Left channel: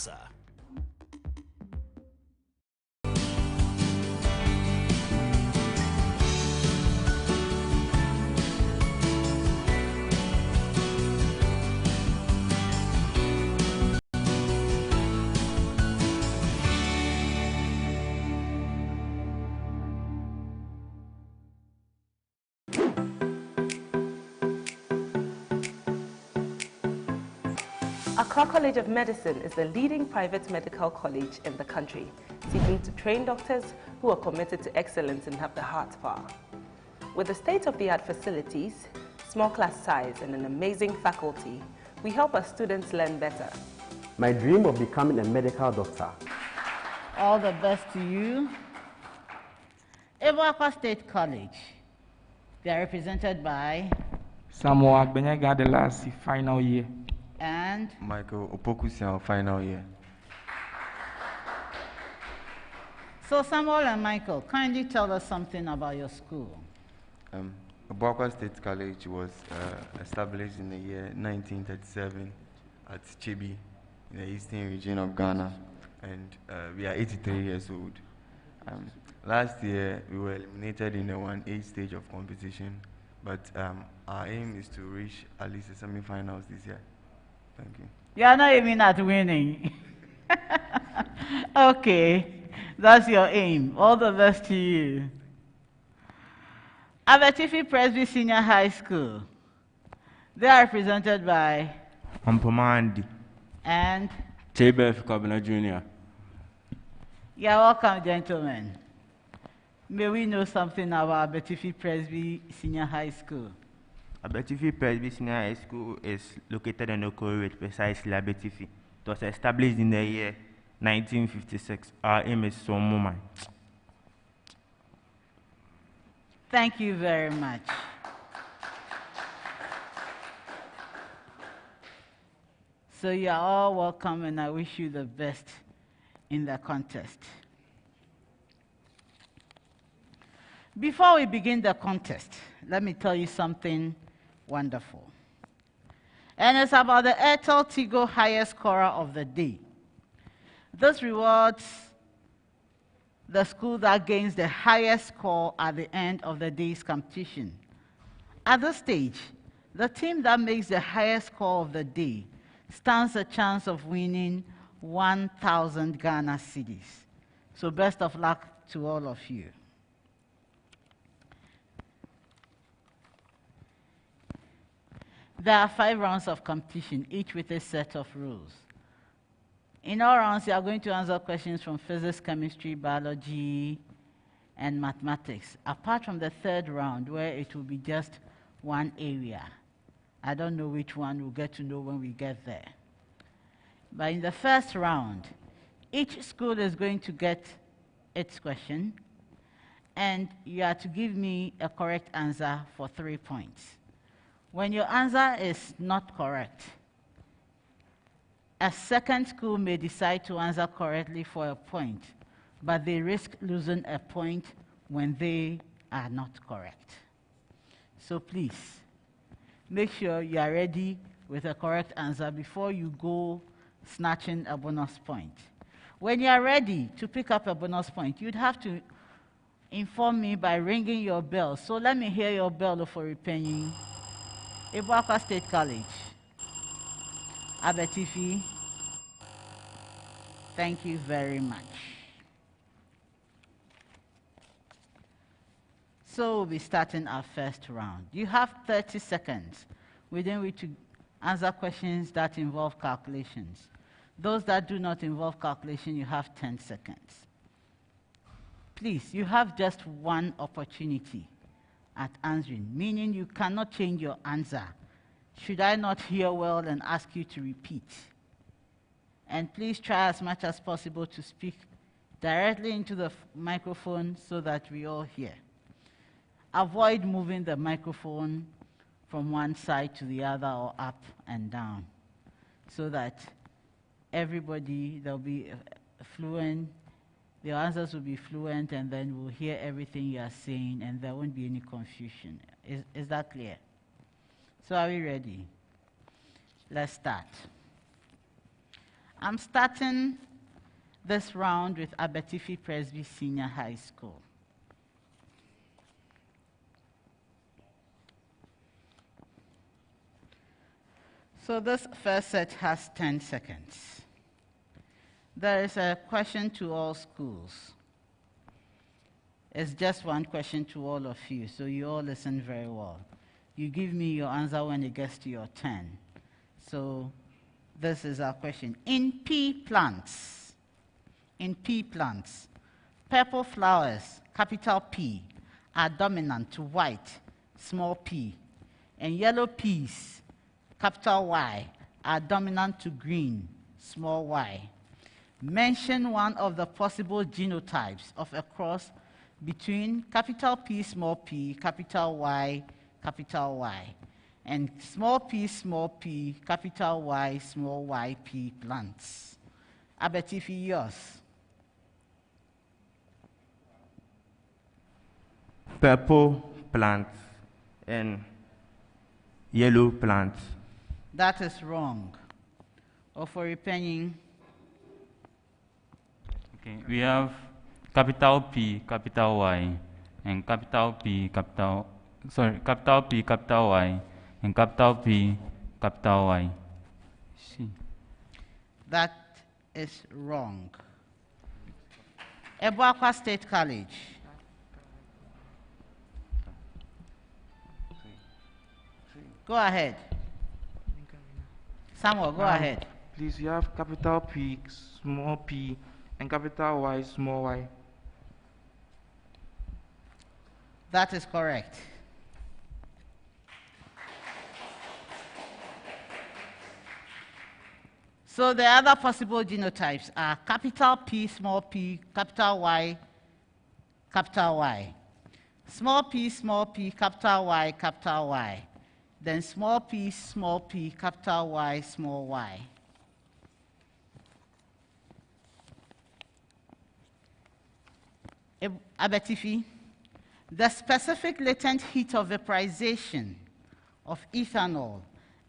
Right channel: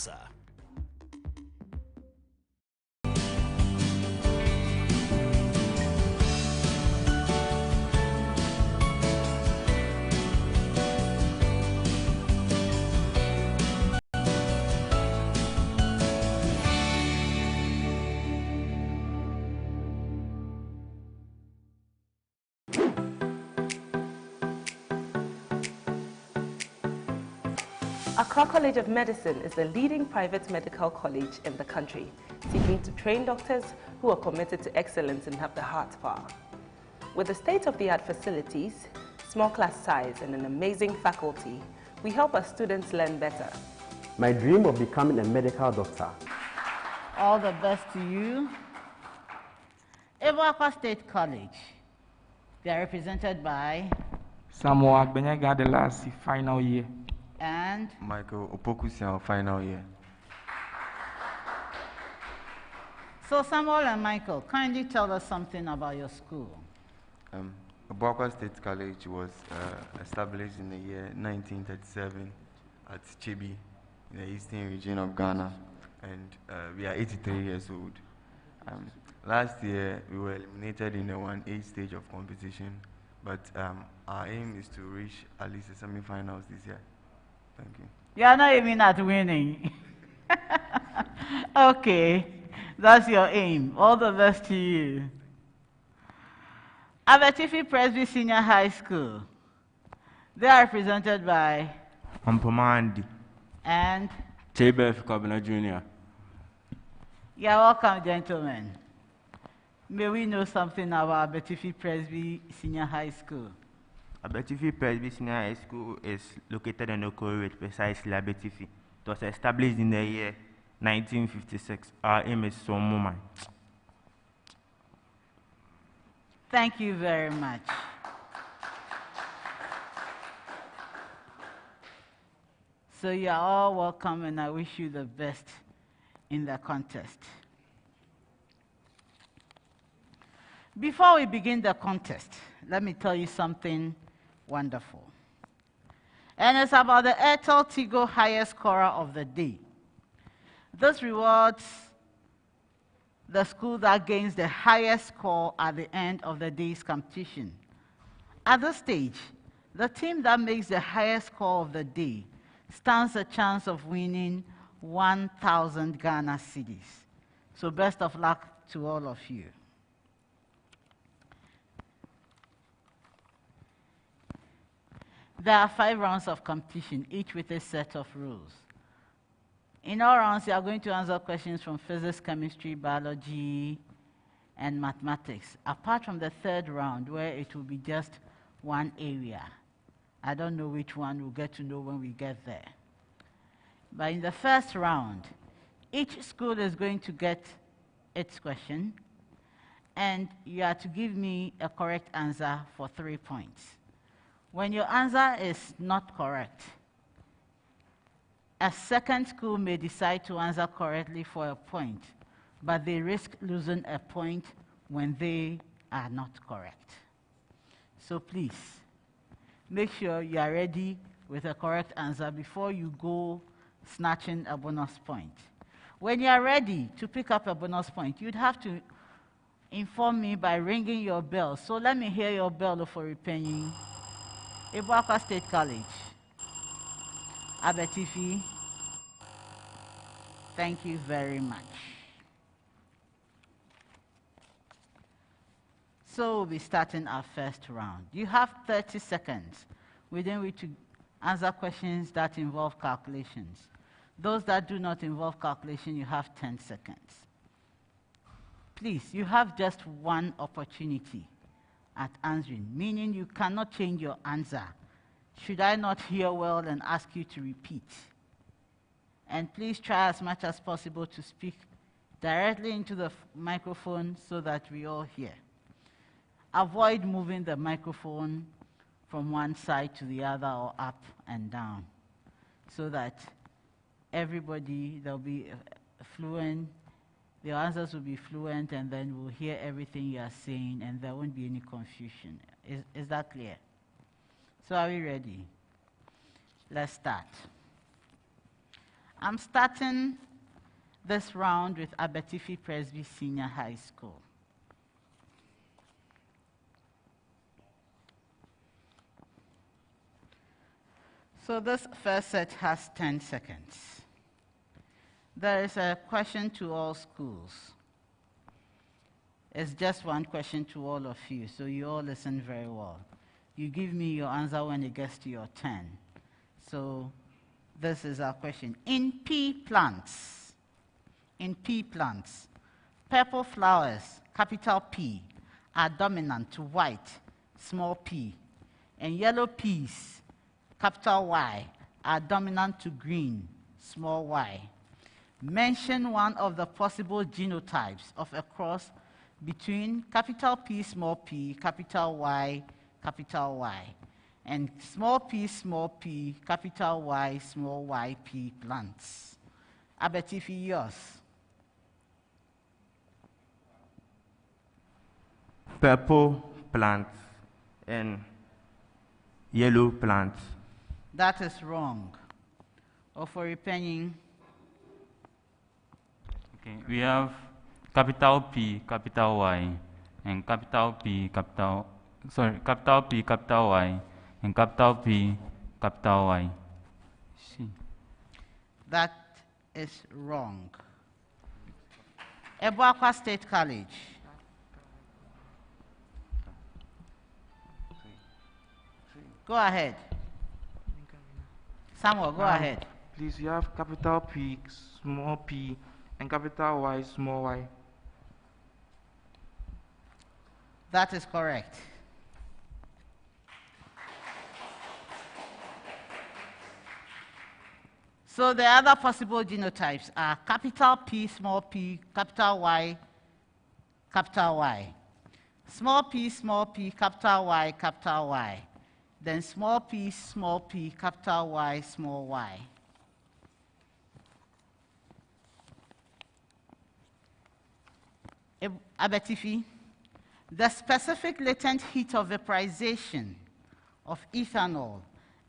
sir. Accra College of Medicine is the leading private medical college in the country, seeking to train doctors who are committed to excellence and have the heart power. With the state-of-the-art facilities, small class size, and an amazing faculty, we help our students learn better. My dream of becoming a medical doctor. All the best to you. ABUAKWA State College. They are represented by Samuel Agbenyaga, the last final year. And Michael Opokusian, final year. So Samuel and Michael, kindly tell us something about your school. ABUAKWA State College was established in the year 1937 at Chebi in the eastern region of Ghana, and we are 83 years old. Last year we were eliminated in the 1A stage of competition, but our aim is to reach at least the semi-finals this year. Thank you. You are not aiming at winning. Okay, that's your aim. All the best to you. ABETIFI PRESBY Senior High School. They are represented by Ampomandi and Chebef Kabina Jr. You are welcome, gentlemen. May we know something about ABETIFI PRESBY Senior High School? ABETIFI PRESBY Senior High School is located in Okoro, precisely ABETIFI. It was established in the year 1956. Our aim is Somoma. Thank you very much. So you are all welcome, and I wish you the best in the contest. Before we begin the contest, let me tell you something wonderful. And it's about the Airtel Tigo highest scorer of the day. This rewards the school that gains the highest score at the end of the day's competition. At this stage, the team that makes the highest score of the day stands a chance of winning 1,000 Ghana cedis. So best of luck to all of you. There are 5 rounds of competition, each with a set of rules. In all rounds, you are going to answer questions from physics, chemistry, biology, and mathematics, apart from the 3rd round, where it will be just one area. I don't know which one, we'll get to know when we get there. But in the 1st round, each school is going to get its question, and you are to give me a correct answer for 3 points. When your answer is not correct, a second school may decide to answer correctly for a point, but they risk losing a point when they are not correct. So please, make sure you are ready with a correct answer before you go snatching a bonus point. When you are ready to pick up a bonus point, you'd have to inform me by ringing your bell. So let me hear your bell, OFORI PANIN. ABUAKWA State College. ABETIFI. Thank you very much. So we'll be starting our 1st round. You have 30 seconds within which to answer questions that involve calculations. Those that do not involve calculation, you have 10 seconds. Please, you have just one opportunity at answering, meaning you cannot change your answer. Should I not hear well and ask you to repeat? And please try as much as possible to speak directly into the microphone so that we all hear. Avoid moving the microphone from one side to the other or up and down so that everybody, there'll be fluent, the answers will be fluent, and then we'll hear everything you are saying, and there won't be any confusion. Is that clear? So are we ready? Let's start. I'm starting this round with ABETIFI Presby Senior High School. So this first set has 10 seconds. There is a question to all schools. It's just one question to all of you, so you all listen very well. You give me your answer when it gets to your turn. So this is our question. In pea plants, purple flowers, capital P, are dominant to white, small p, and yellow peas, capital Y, are dominant to green, small y. Mention one of the possible genotypes of a cross between capital P, capital Y, and small p, capital Y, small yp plants. ABETIFI, yours. Purple plants and yellow plants. That is wrong. OFORI PANIN. Okay, we have capital P, capital Y, and capital P, capital Y, and capital P, capital Y. See. That is wrong. ABUAKWA State College. Go ahead. Samuel, go ahead. Please, you have capital P, small p, and capital Y, small y. That is correct. So the other possible genotypes are capital P, capital Y, capital Y. Small p, capital Y. Then small p, capital Y, small y. ABETIFI, the specific latent heat of vaporization of ethanol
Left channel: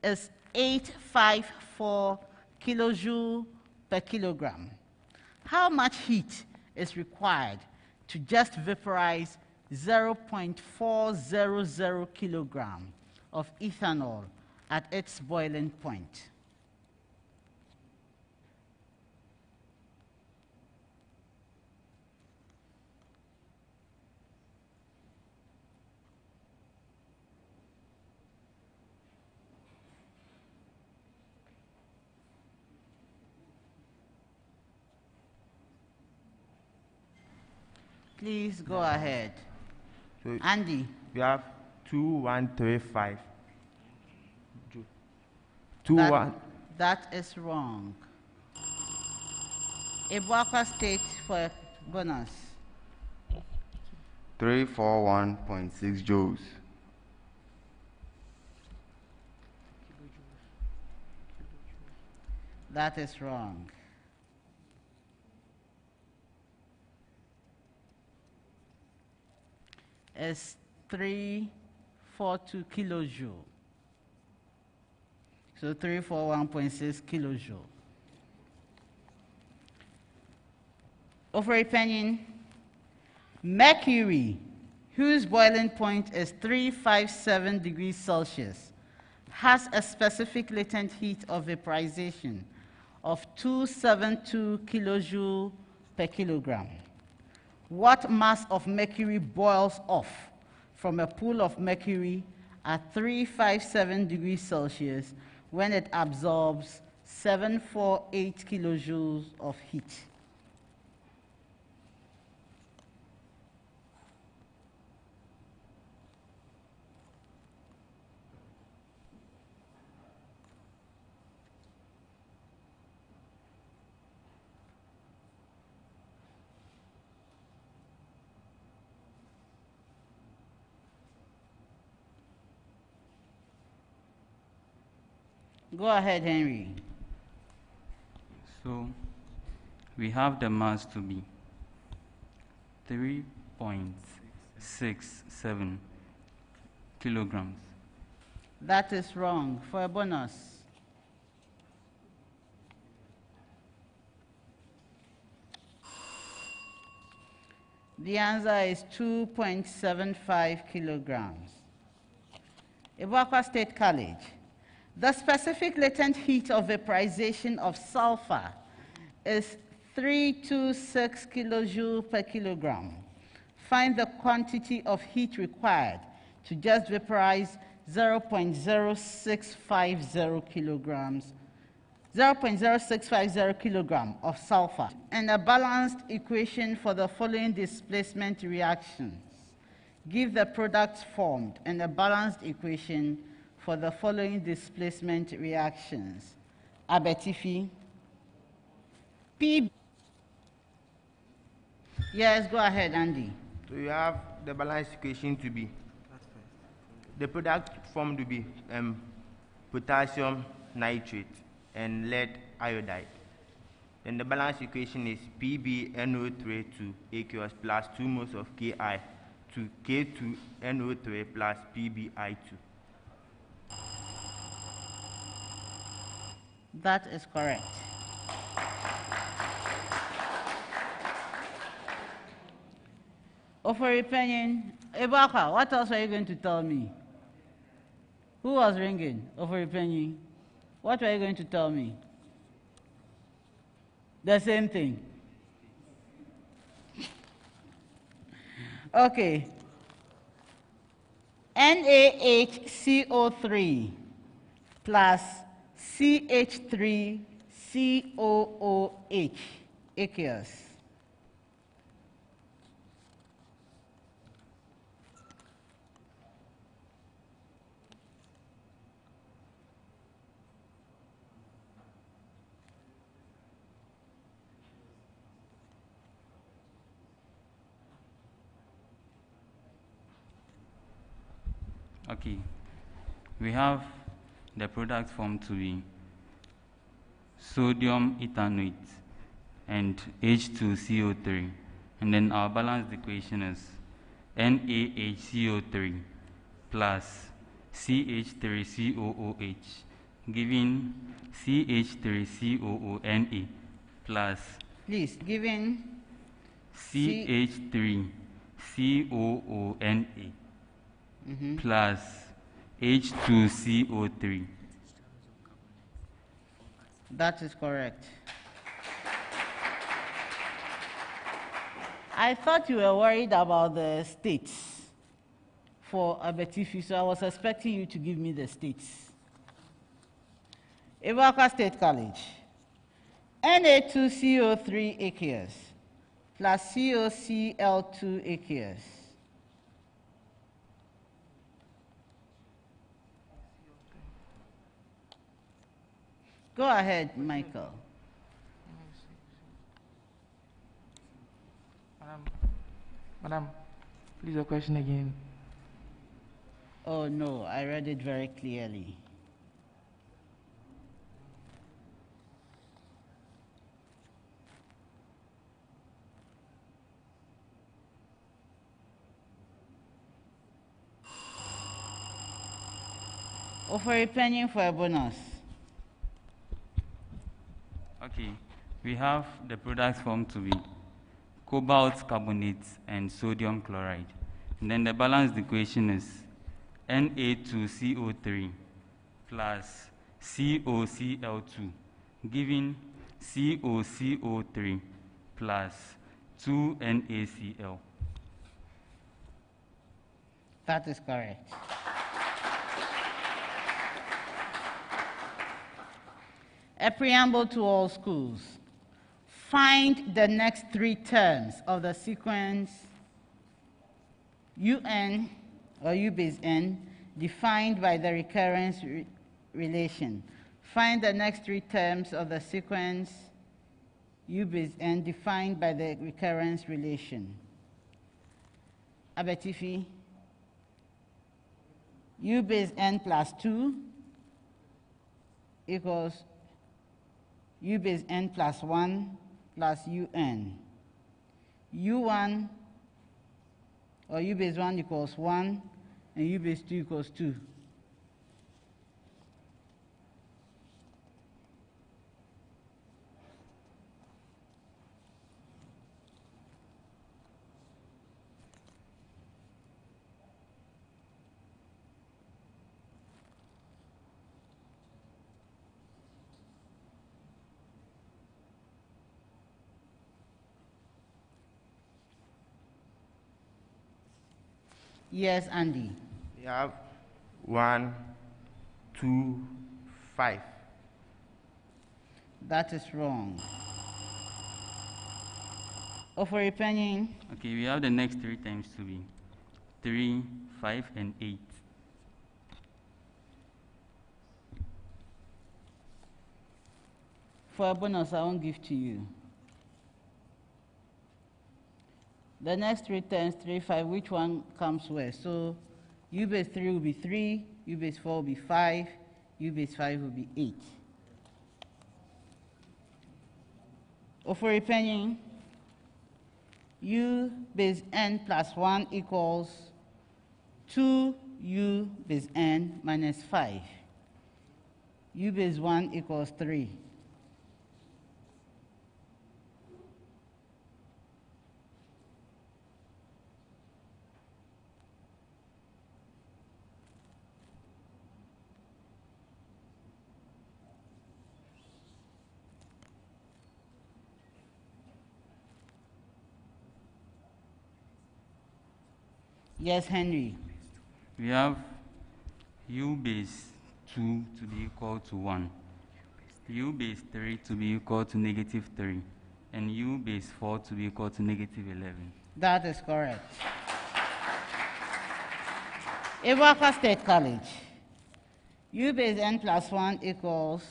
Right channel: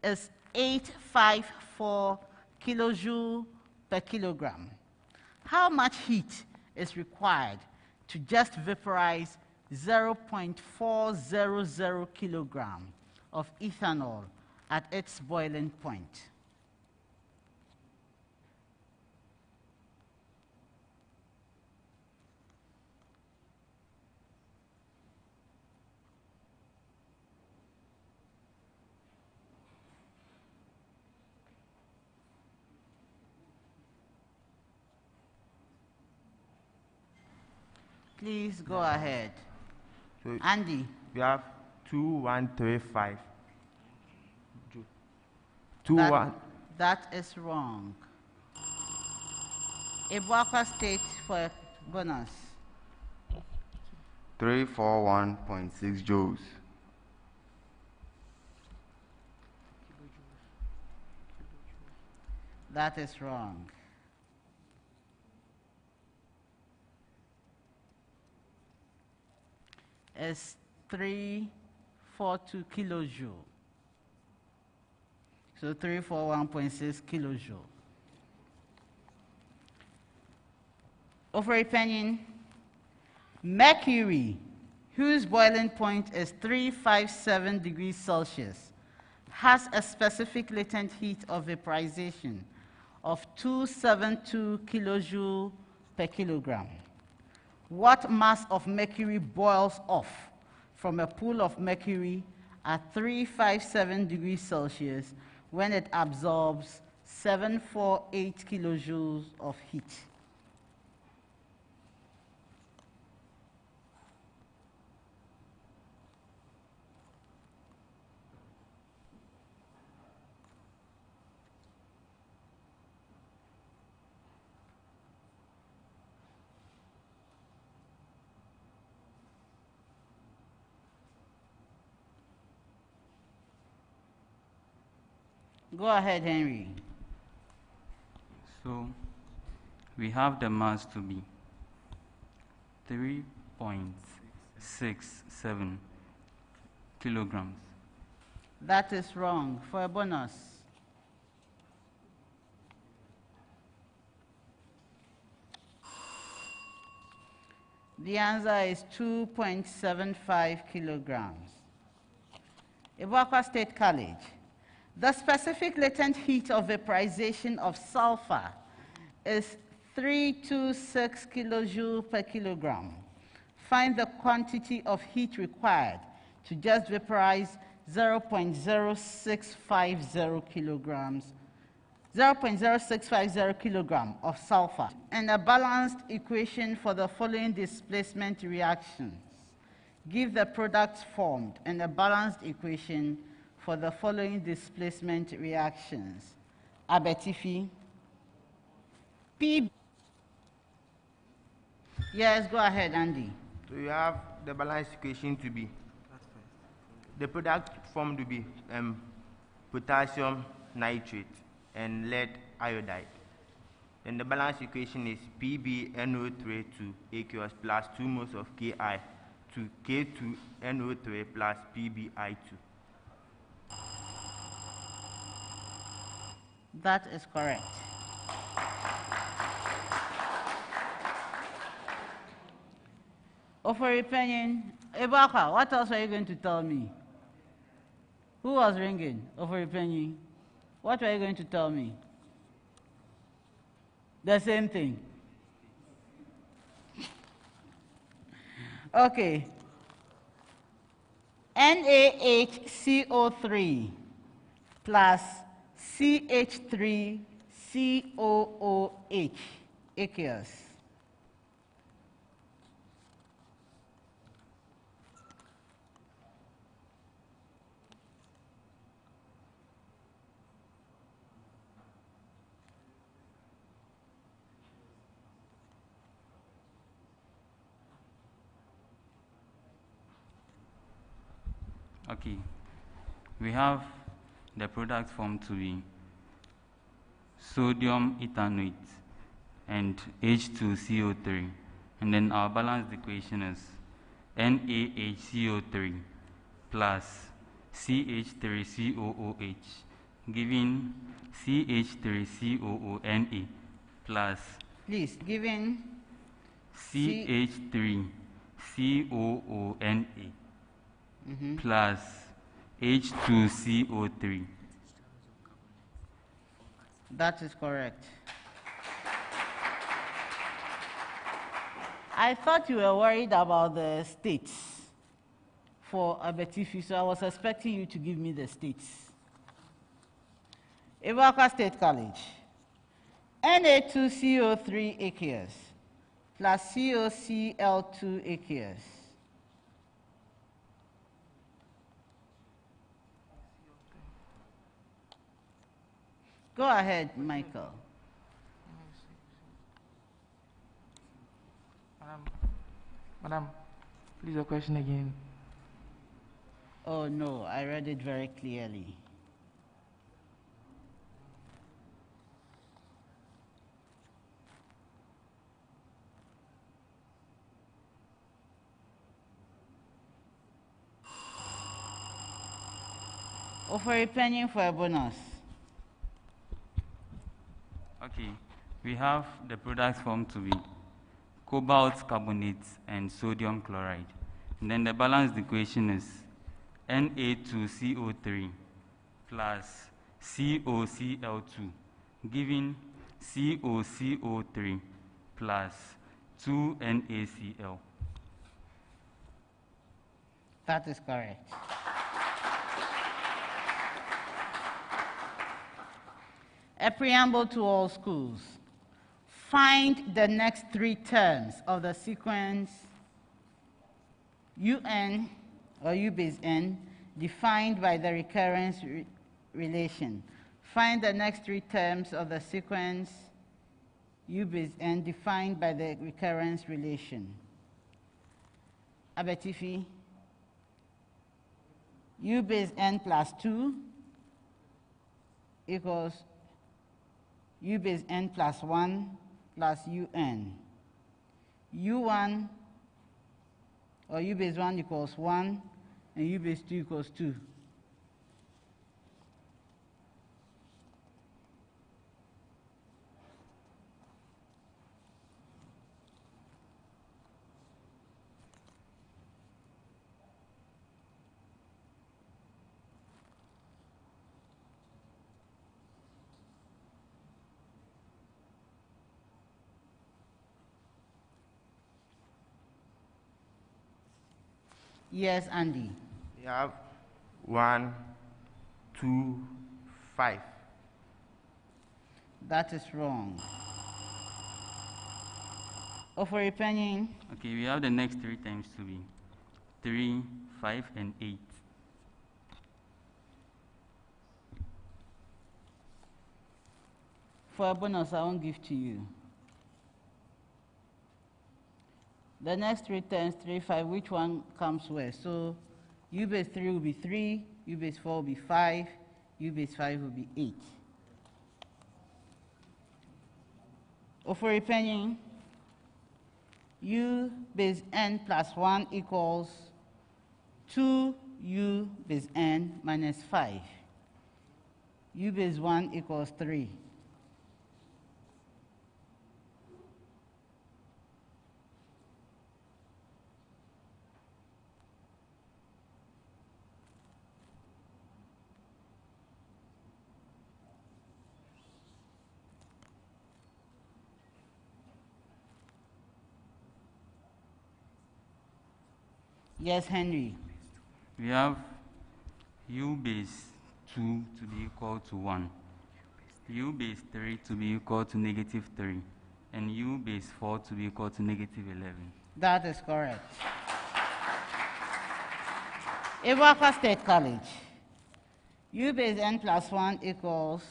is 854 kilojoule per kilogram. How much heat is required to just vaporize 0.400 kilogram of ethanol at its boiling point? Please go ahead. So Andy. we have 2135. That is wrong. ABUAKWA State for a bonus. 341.6 joules. That is wrong. It's 342 kilojoule. So 341.6 kilojoule. OFORI PANIN, mercury, whose boiling point is 357 degrees Celsius, has a specific latent heat of vaporization of 272 kilojoule per kilogram. What mass of mercury boils off from a pool of mercury at 357 degrees Celsius when it absorbs 748 kilojoules of heat? Go ahead, Henry. So we have the mass to be 3.67 kilograms. That is wrong. For a bonus. The answer is 2.75 kilograms. ABUAKWA State College. The specific latent heat of vaporization of sulfur is 326 kilojoule per kilogram. Find the quantity of heat required to just vaporize 0.0650 kilograms 0.0650 kilogram of sulfur, and a balanced equation for the following displacement reactions. Give the products formed and a balanced equation for the following displacement reactions. ABETIFI. P. Yes, go ahead, Andy. So you have the balanced equation to be, the product formed to be potassium nitrate and lead iodide. Then the balanced equation is PbNO3 to aqueous plus 2 moles of Ki to K2NO3 plus PbI2. That is correct. OFORI Panin, ABUAKWA, what else are you going to tell me? Who was ringing? OFORI Panin. What were you going to tell me? The same thing. Okay. NaHCO3 plus CH3COOH, aqueous. Okay, we have the product formed to be sodium ethanoate and H2CO3, and then our balanced equation is NaHCO3 plus CH3COOH, giving CH3COONA plus Please, given CH3COONA plus H2CO3. That is correct. I thought you were worried about the states for ABETIFI, so I was expecting you to give me the states. ABUAKWA State College. Na2CO3 aqueous plus COCl2 aqueous. Go ahead, Michael. Madam, please your question again. Oh no, I read it very clearly. OFORI Panin for a bonus. Okay, we have the products formed to be cobalt carbonate and sodium chloride. And then the balanced equation is Na2CO3 plus COCl2, giving COCO3 plus 2NaCl. That is correct. A preamble to all schools. Find the next 3 terms of the sequence UN or U base N defined by the recurrence relation. Find the next 3 terms of the sequence U base N defined by the recurrence relation. ABETIFI, U base N plus 2 equals U base N plus 1 plus UN. U1 or U base 1 equals 1 and U base 2 equals 2. Yes, Andy. We have 1, 2, 5. That is wrong. OFORI PANIN. Okay, we have the next 3 terms to be 3, 5, and 8. For a bonus, I won't give to you. The next 3 terms, 3, 5, which one comes where? So U base 3 will be 3, U base 4 will be 5, U base 5 will be 8. OFORI PANIN, U base n plus 1 equals 2U base n minus 5. U base 1 equals 3. Yes, Henry. We have U base 2 to be equal to 1, U base 3 to be equal to negative 3, and U base 4 to be equal to negative 11. That is correct. ABUAKWA State College. U base n plus 1 equals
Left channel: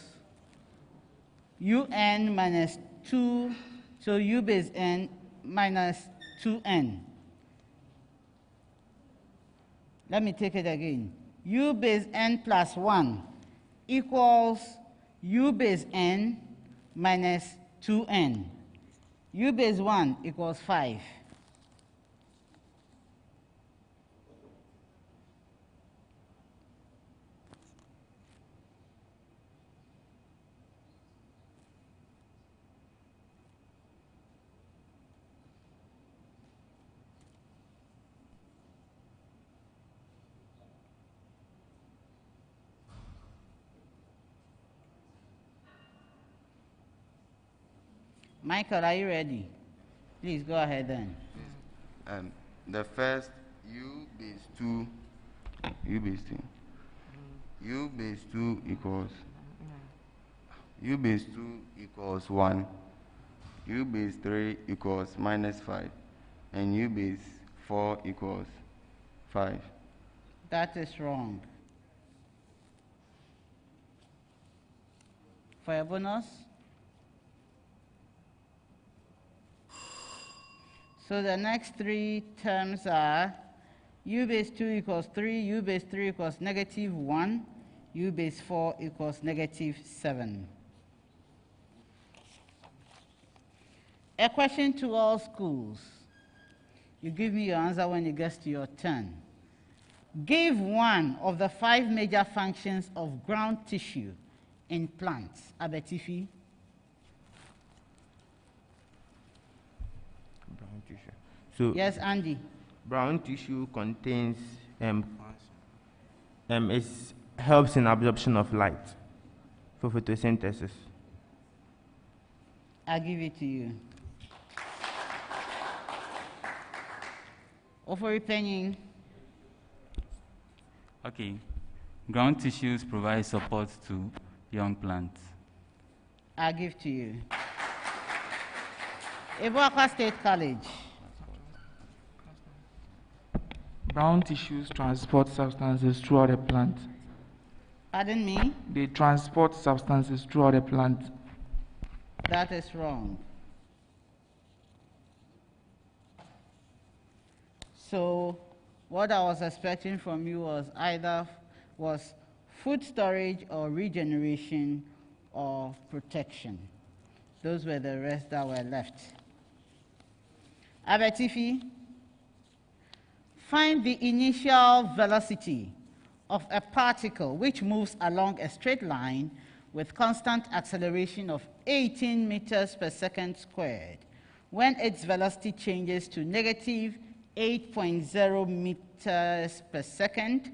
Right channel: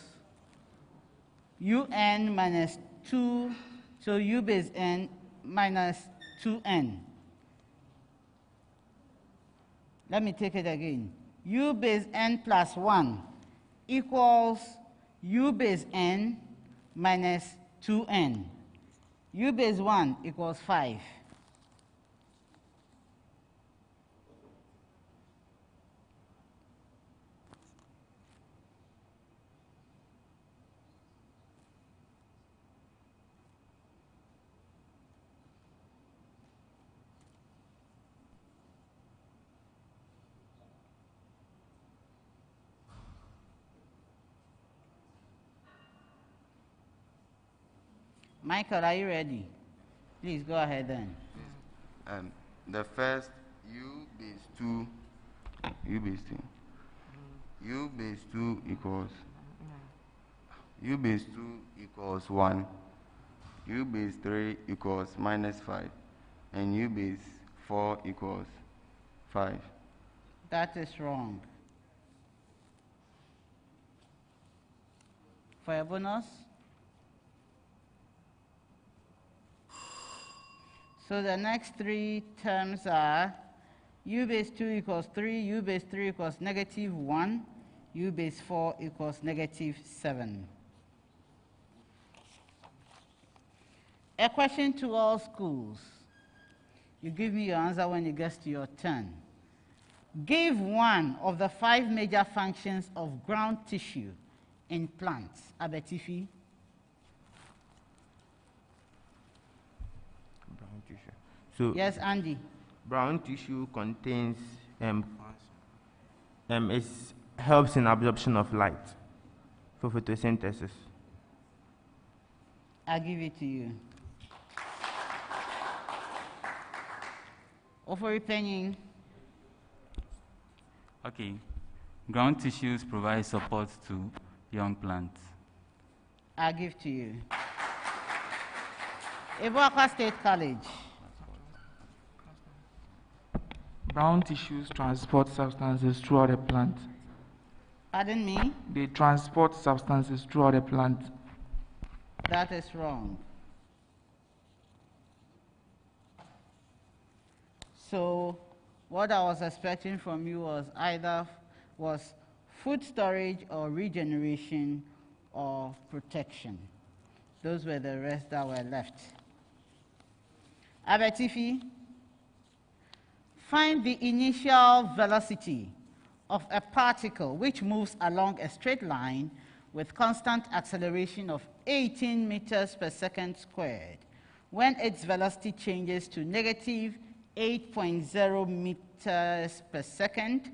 UN minus 2, so U base n minus 2n. Let me take it again. U base n plus 1 equals U base n minus 2n. U base 1 equals 5. Michael, are you ready? Please go ahead then. The first U base 2, U base 2. U base 2 equals U base 2 equals 1. U base 3 equals minus 5. And U base 4 equals 5. That is wrong. For a bonus? So the next 3 terms are U base 2 equals 3, U base 3 equals negative 1, U base 4 equals negative 7. A question to all schools. You give me your answer when it gets to your turn. Give one of the 5 major functions of ground tissue in plants. ABETIFI. Brown tissue. So Yes, Andy. brown tissue contains it helps in absorption of light for photosynthesis. I'll give it to you. OFORI PANIN. Okay, ground tissues provide support to young plants. I'll give to you. ABUAKWA State College. Brown tissues transport substances throughout the plant. Pardon me? They transport substances throughout the plant. That is wrong. So what I was expecting from you was food storage or regeneration or protection. Those were the rest that were left. ABETIFI, find the initial velocity of a particle which moves along a straight line with constant acceleration of 18 meters per second squared when its velocity changes to negative 8.0 meters per second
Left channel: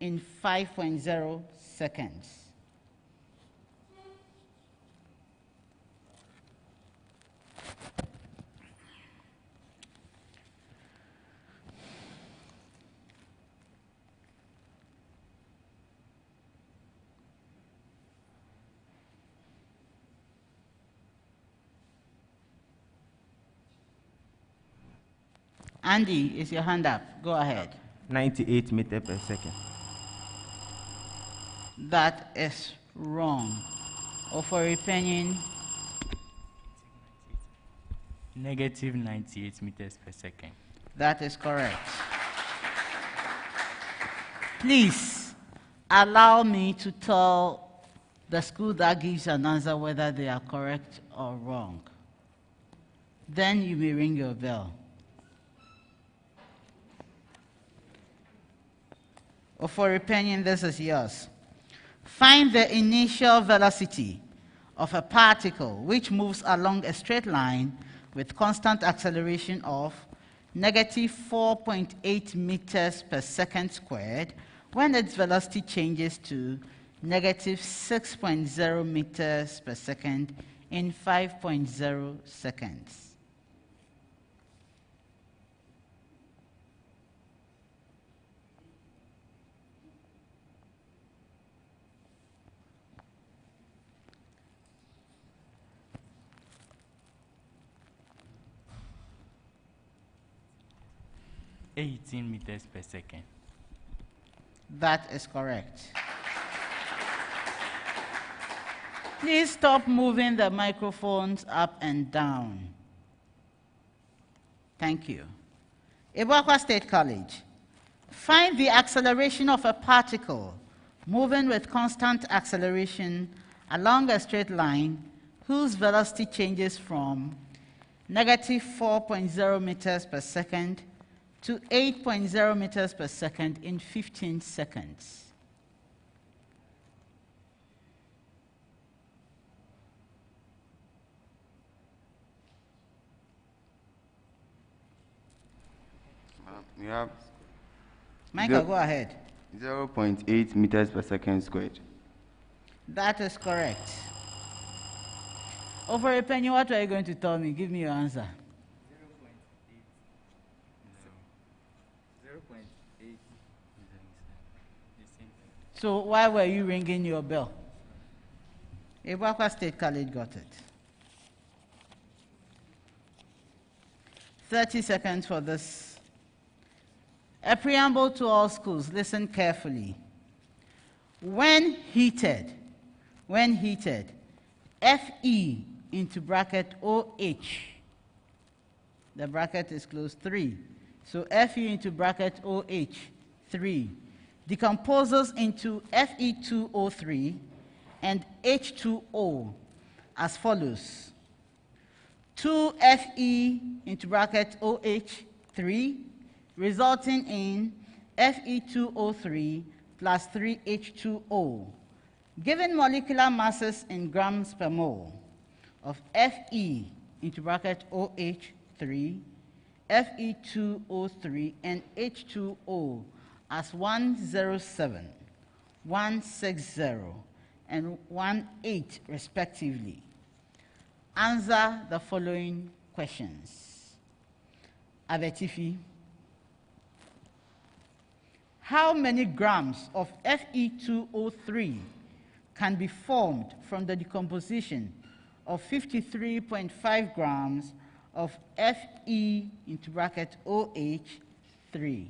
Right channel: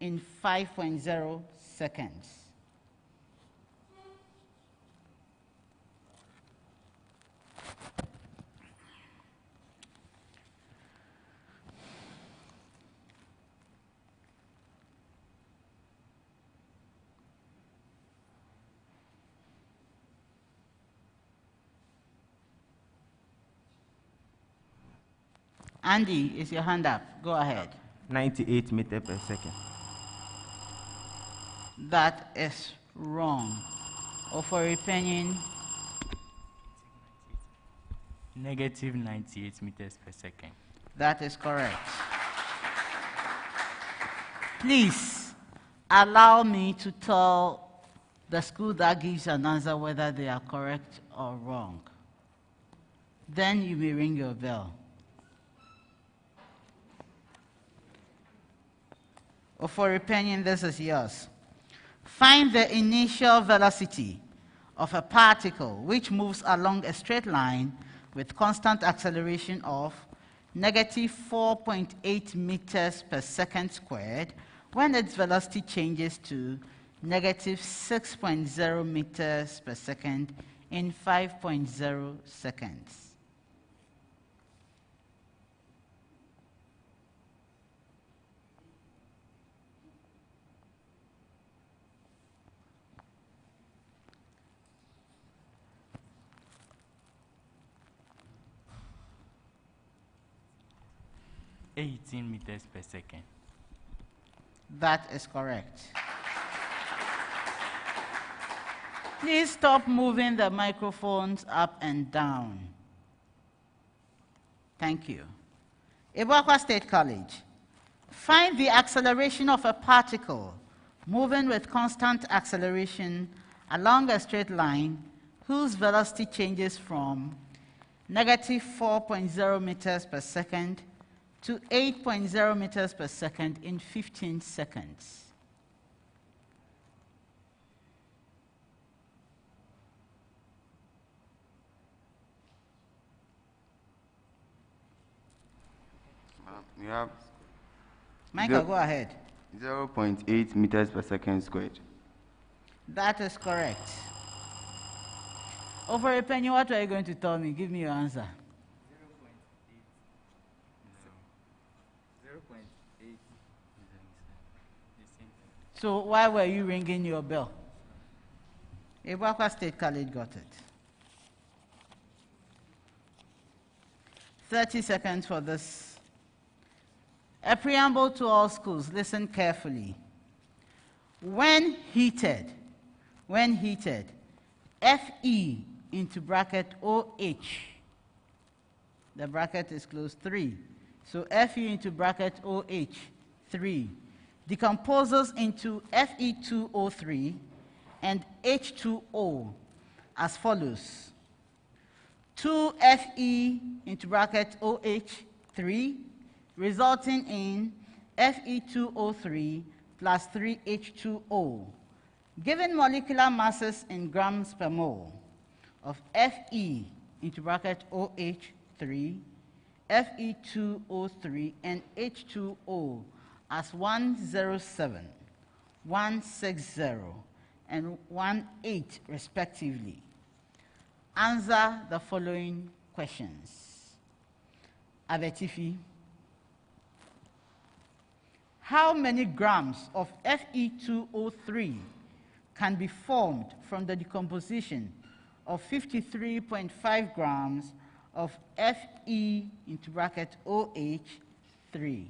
in 5.0 seconds. Andy, is your hand up? Go ahead. 98 meters per second. That is wrong. OFORI PANIN. Negative 98 meters per second. That is correct. Please allow me to tell the school that gives an answer whether they are correct or wrong. Then you may ring your bell. OFORI PANIN, this is yours. Find the initial velocity of a particle which moves along a straight line with constant acceleration of negative 4.8 meters per second squared when its velocity changes to negative 6.0 meters per second in 5.0 seconds. $18 meters per second. That is correct. Please stop moving the microphones up and down. Thank you. ABUAKWA State College. Find the acceleration of a particle moving with constant acceleration along a straight line whose velocity changes from negative 4.0 meters per second to 8.0 meters per second in 15 seconds. We have Michael, go ahead. 0.8 meters per second squared. That is correct. OFORI PANIN, what are you going to tell me? Give me your answer. 0.8. So why were you ringing your bell? ABUAKWA State College got it. 30 seconds for this. A preamble to all schools, listen carefully. When heated, Fe into bracket OH, the bracket is closed 3. So Fe into bracket OH, 3, decomposes into Fe2O3 and H2O as follows. 2Fe into bracket OH, 3, resulting in Fe2O3 plus 3H2O. Given molecular masses in grams per mole of Fe into bracket OH, 3, Fe2O3 and H2O as 107, 160, and 18 respectively. Answer the following questions. ABETIFI. How many grams of Fe2O3 can be formed from the decomposition of 53.5 grams of Fe into bracket OH, 3?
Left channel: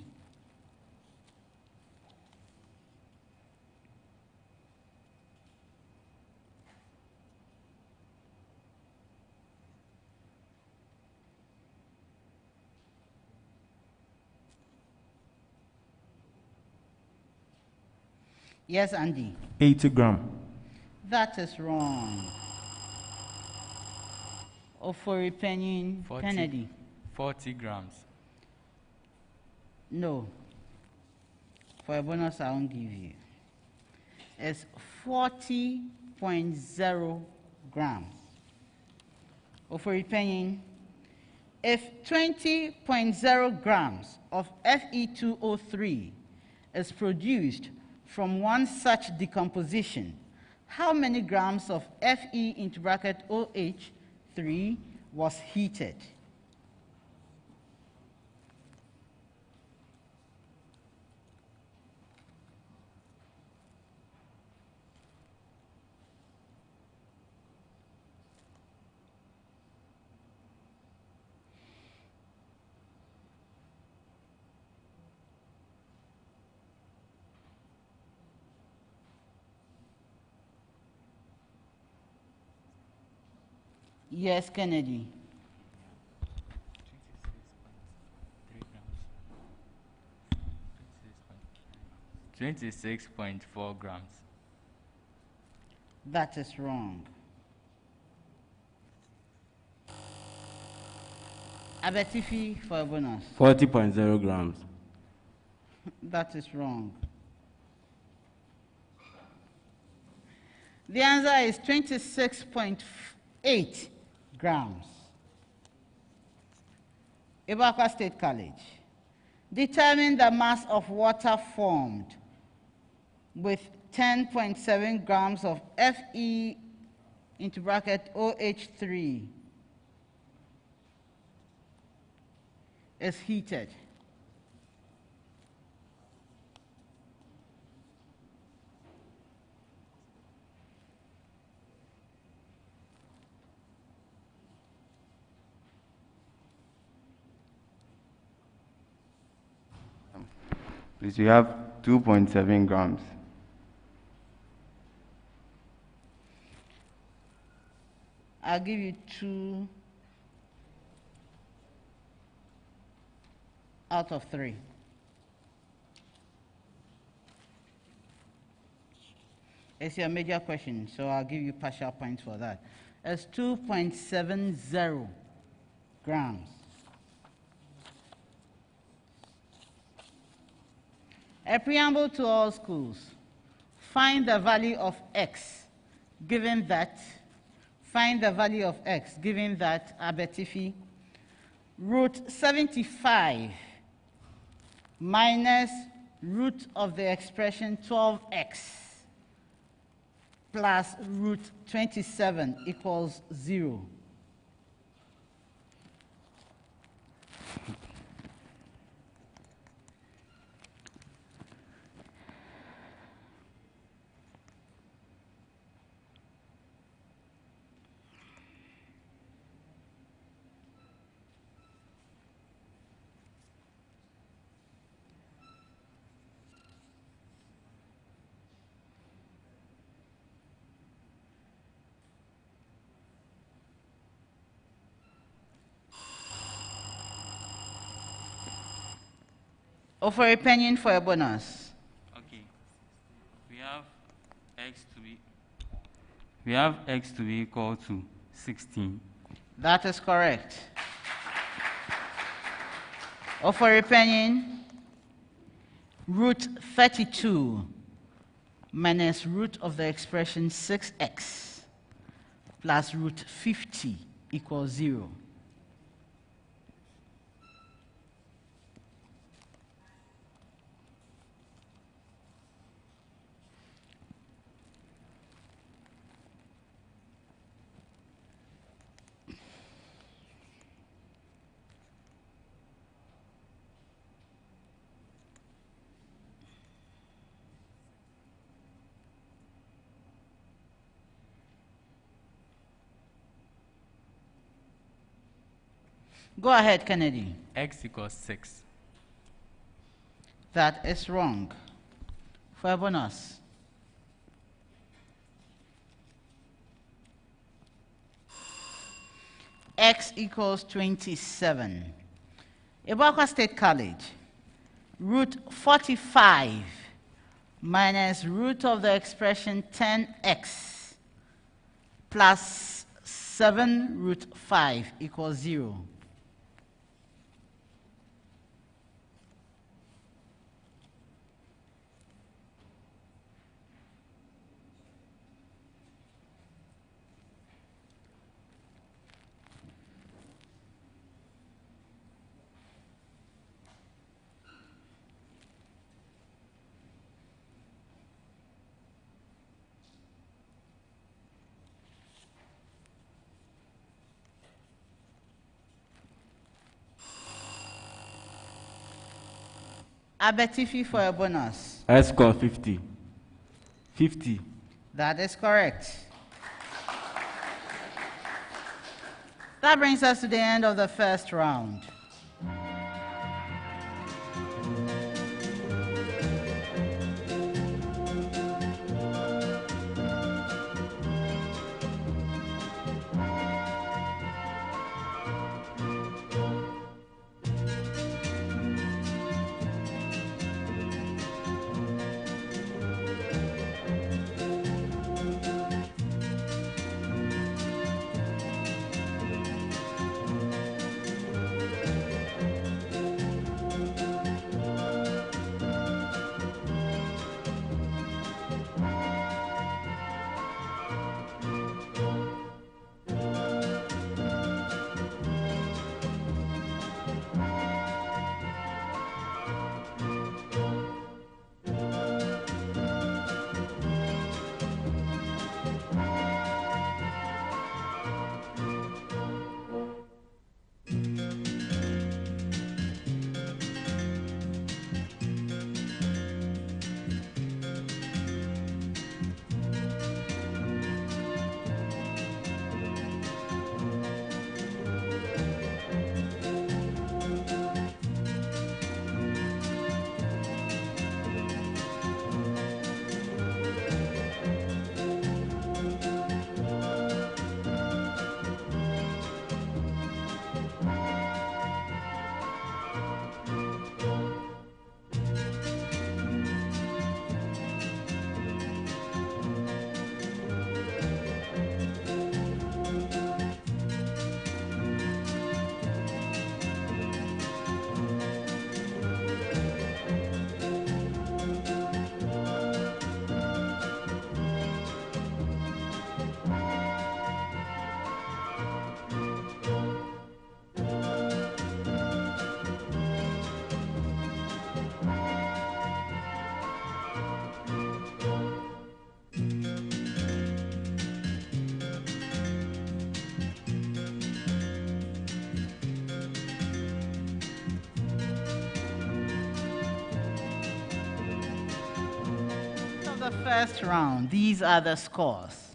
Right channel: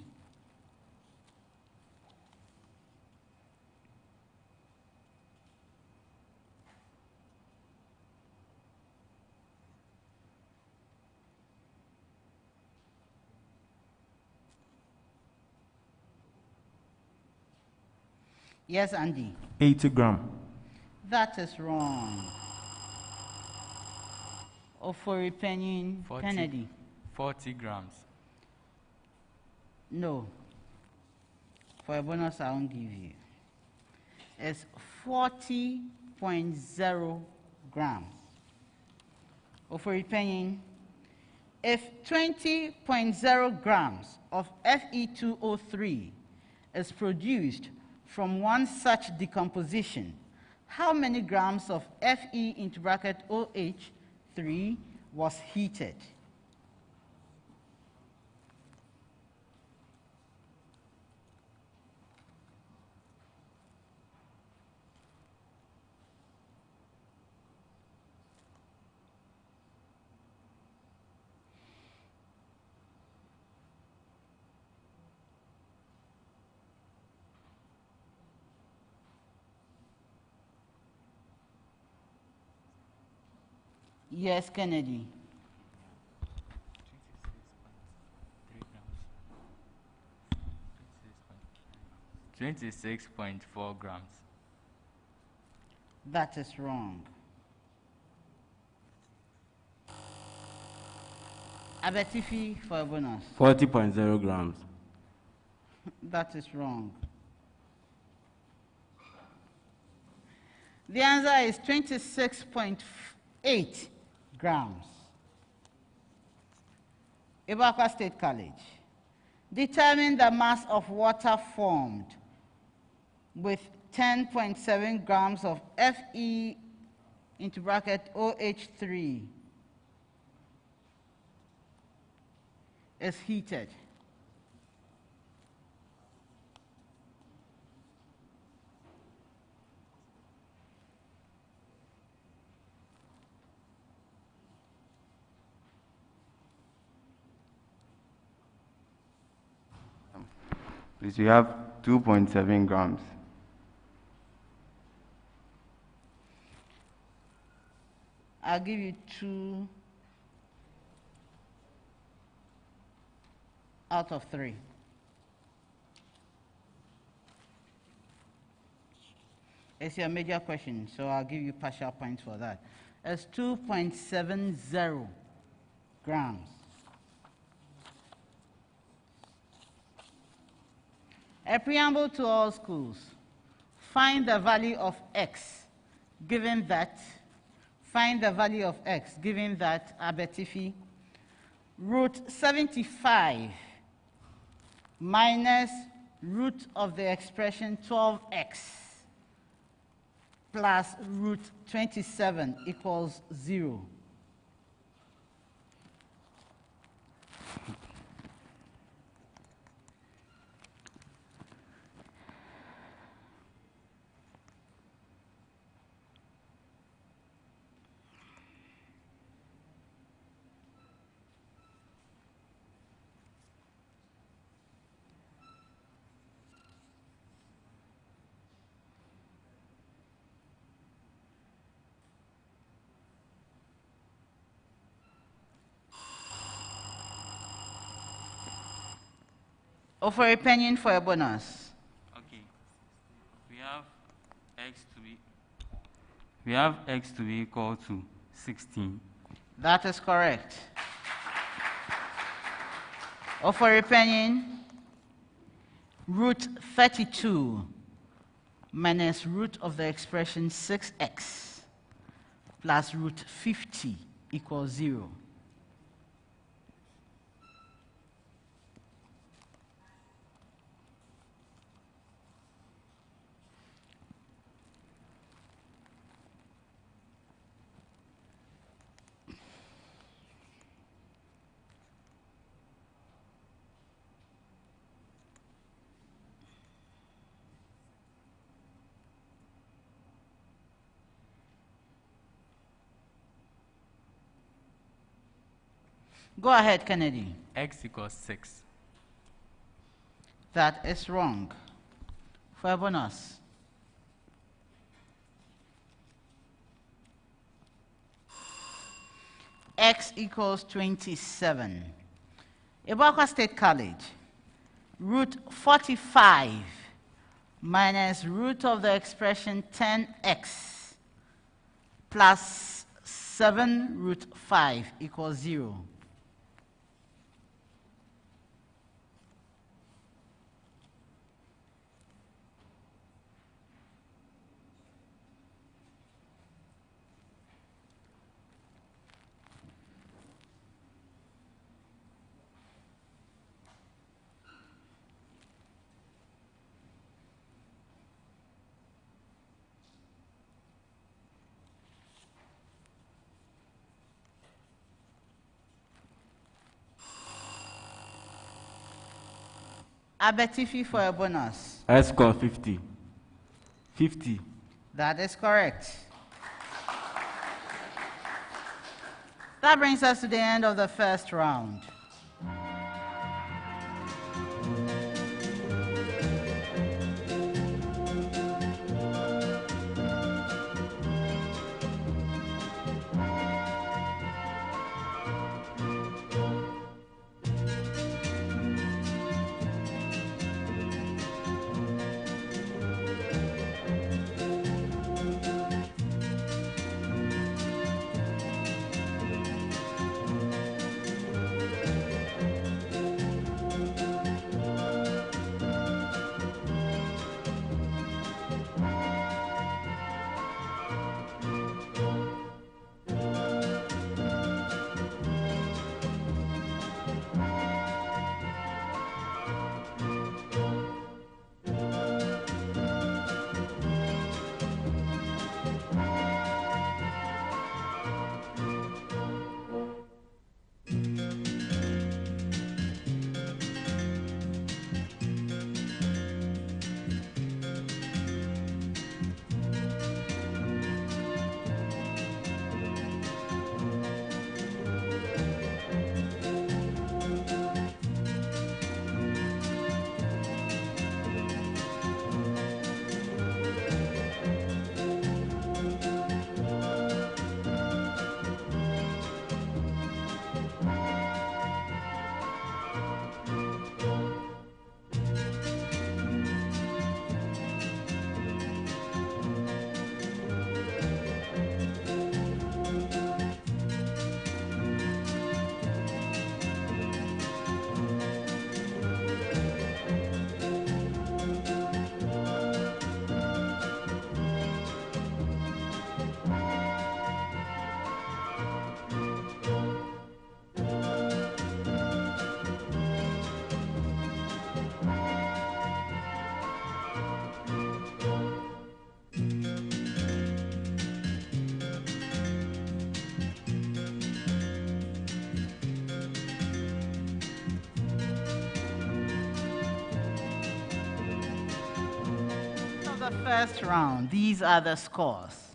Yes, Andy. 80 gram. That is wrong. OFORI PANIN Kennedy. 40 grams. No. For a bonus, I won't give you. It's 40.0 grams. OFORI PANIN. If 20.0 grams of Fe2O3 is produced from one such decomposition, how many grams of Fe into bracket OH, 3 was heated? Yes, Kennedy. 26.4 grams. That is wrong. ABETIFI for a bonus. 40.0 grams. That is wrong. The answer is 26.8 grams. ABUAKWA State College. Determine the mass of water formed with 10.7 grams of Fe into bracket OH3 is heated. Please, we have 2.7 grams. I'll give you 2 out of 3. It's your major question, so I'll give you partial points for that. It's 2.70 grams. A preamble to all schools. Find the value of x given that, ABETIFI, root 75 minus root of the expression 12x plus root 27 equals 0. OFORI PANIN for a bonus. Okay. We have x to be equal to 16. That is correct. OFORI PANIN, root 32 minus root of the expression 6x plus root 50 equals 0. Go ahead, Kennedy. X equals 6. That is wrong. For a bonus. X equals 27. ABUAKWA State College. Root 45 minus root of the expression 10x plus 7 root 5 equals 0. ABETIFI for a bonus. I score 50. 50. That is correct. That brings us to the end of the first round. the first round. These are the scores.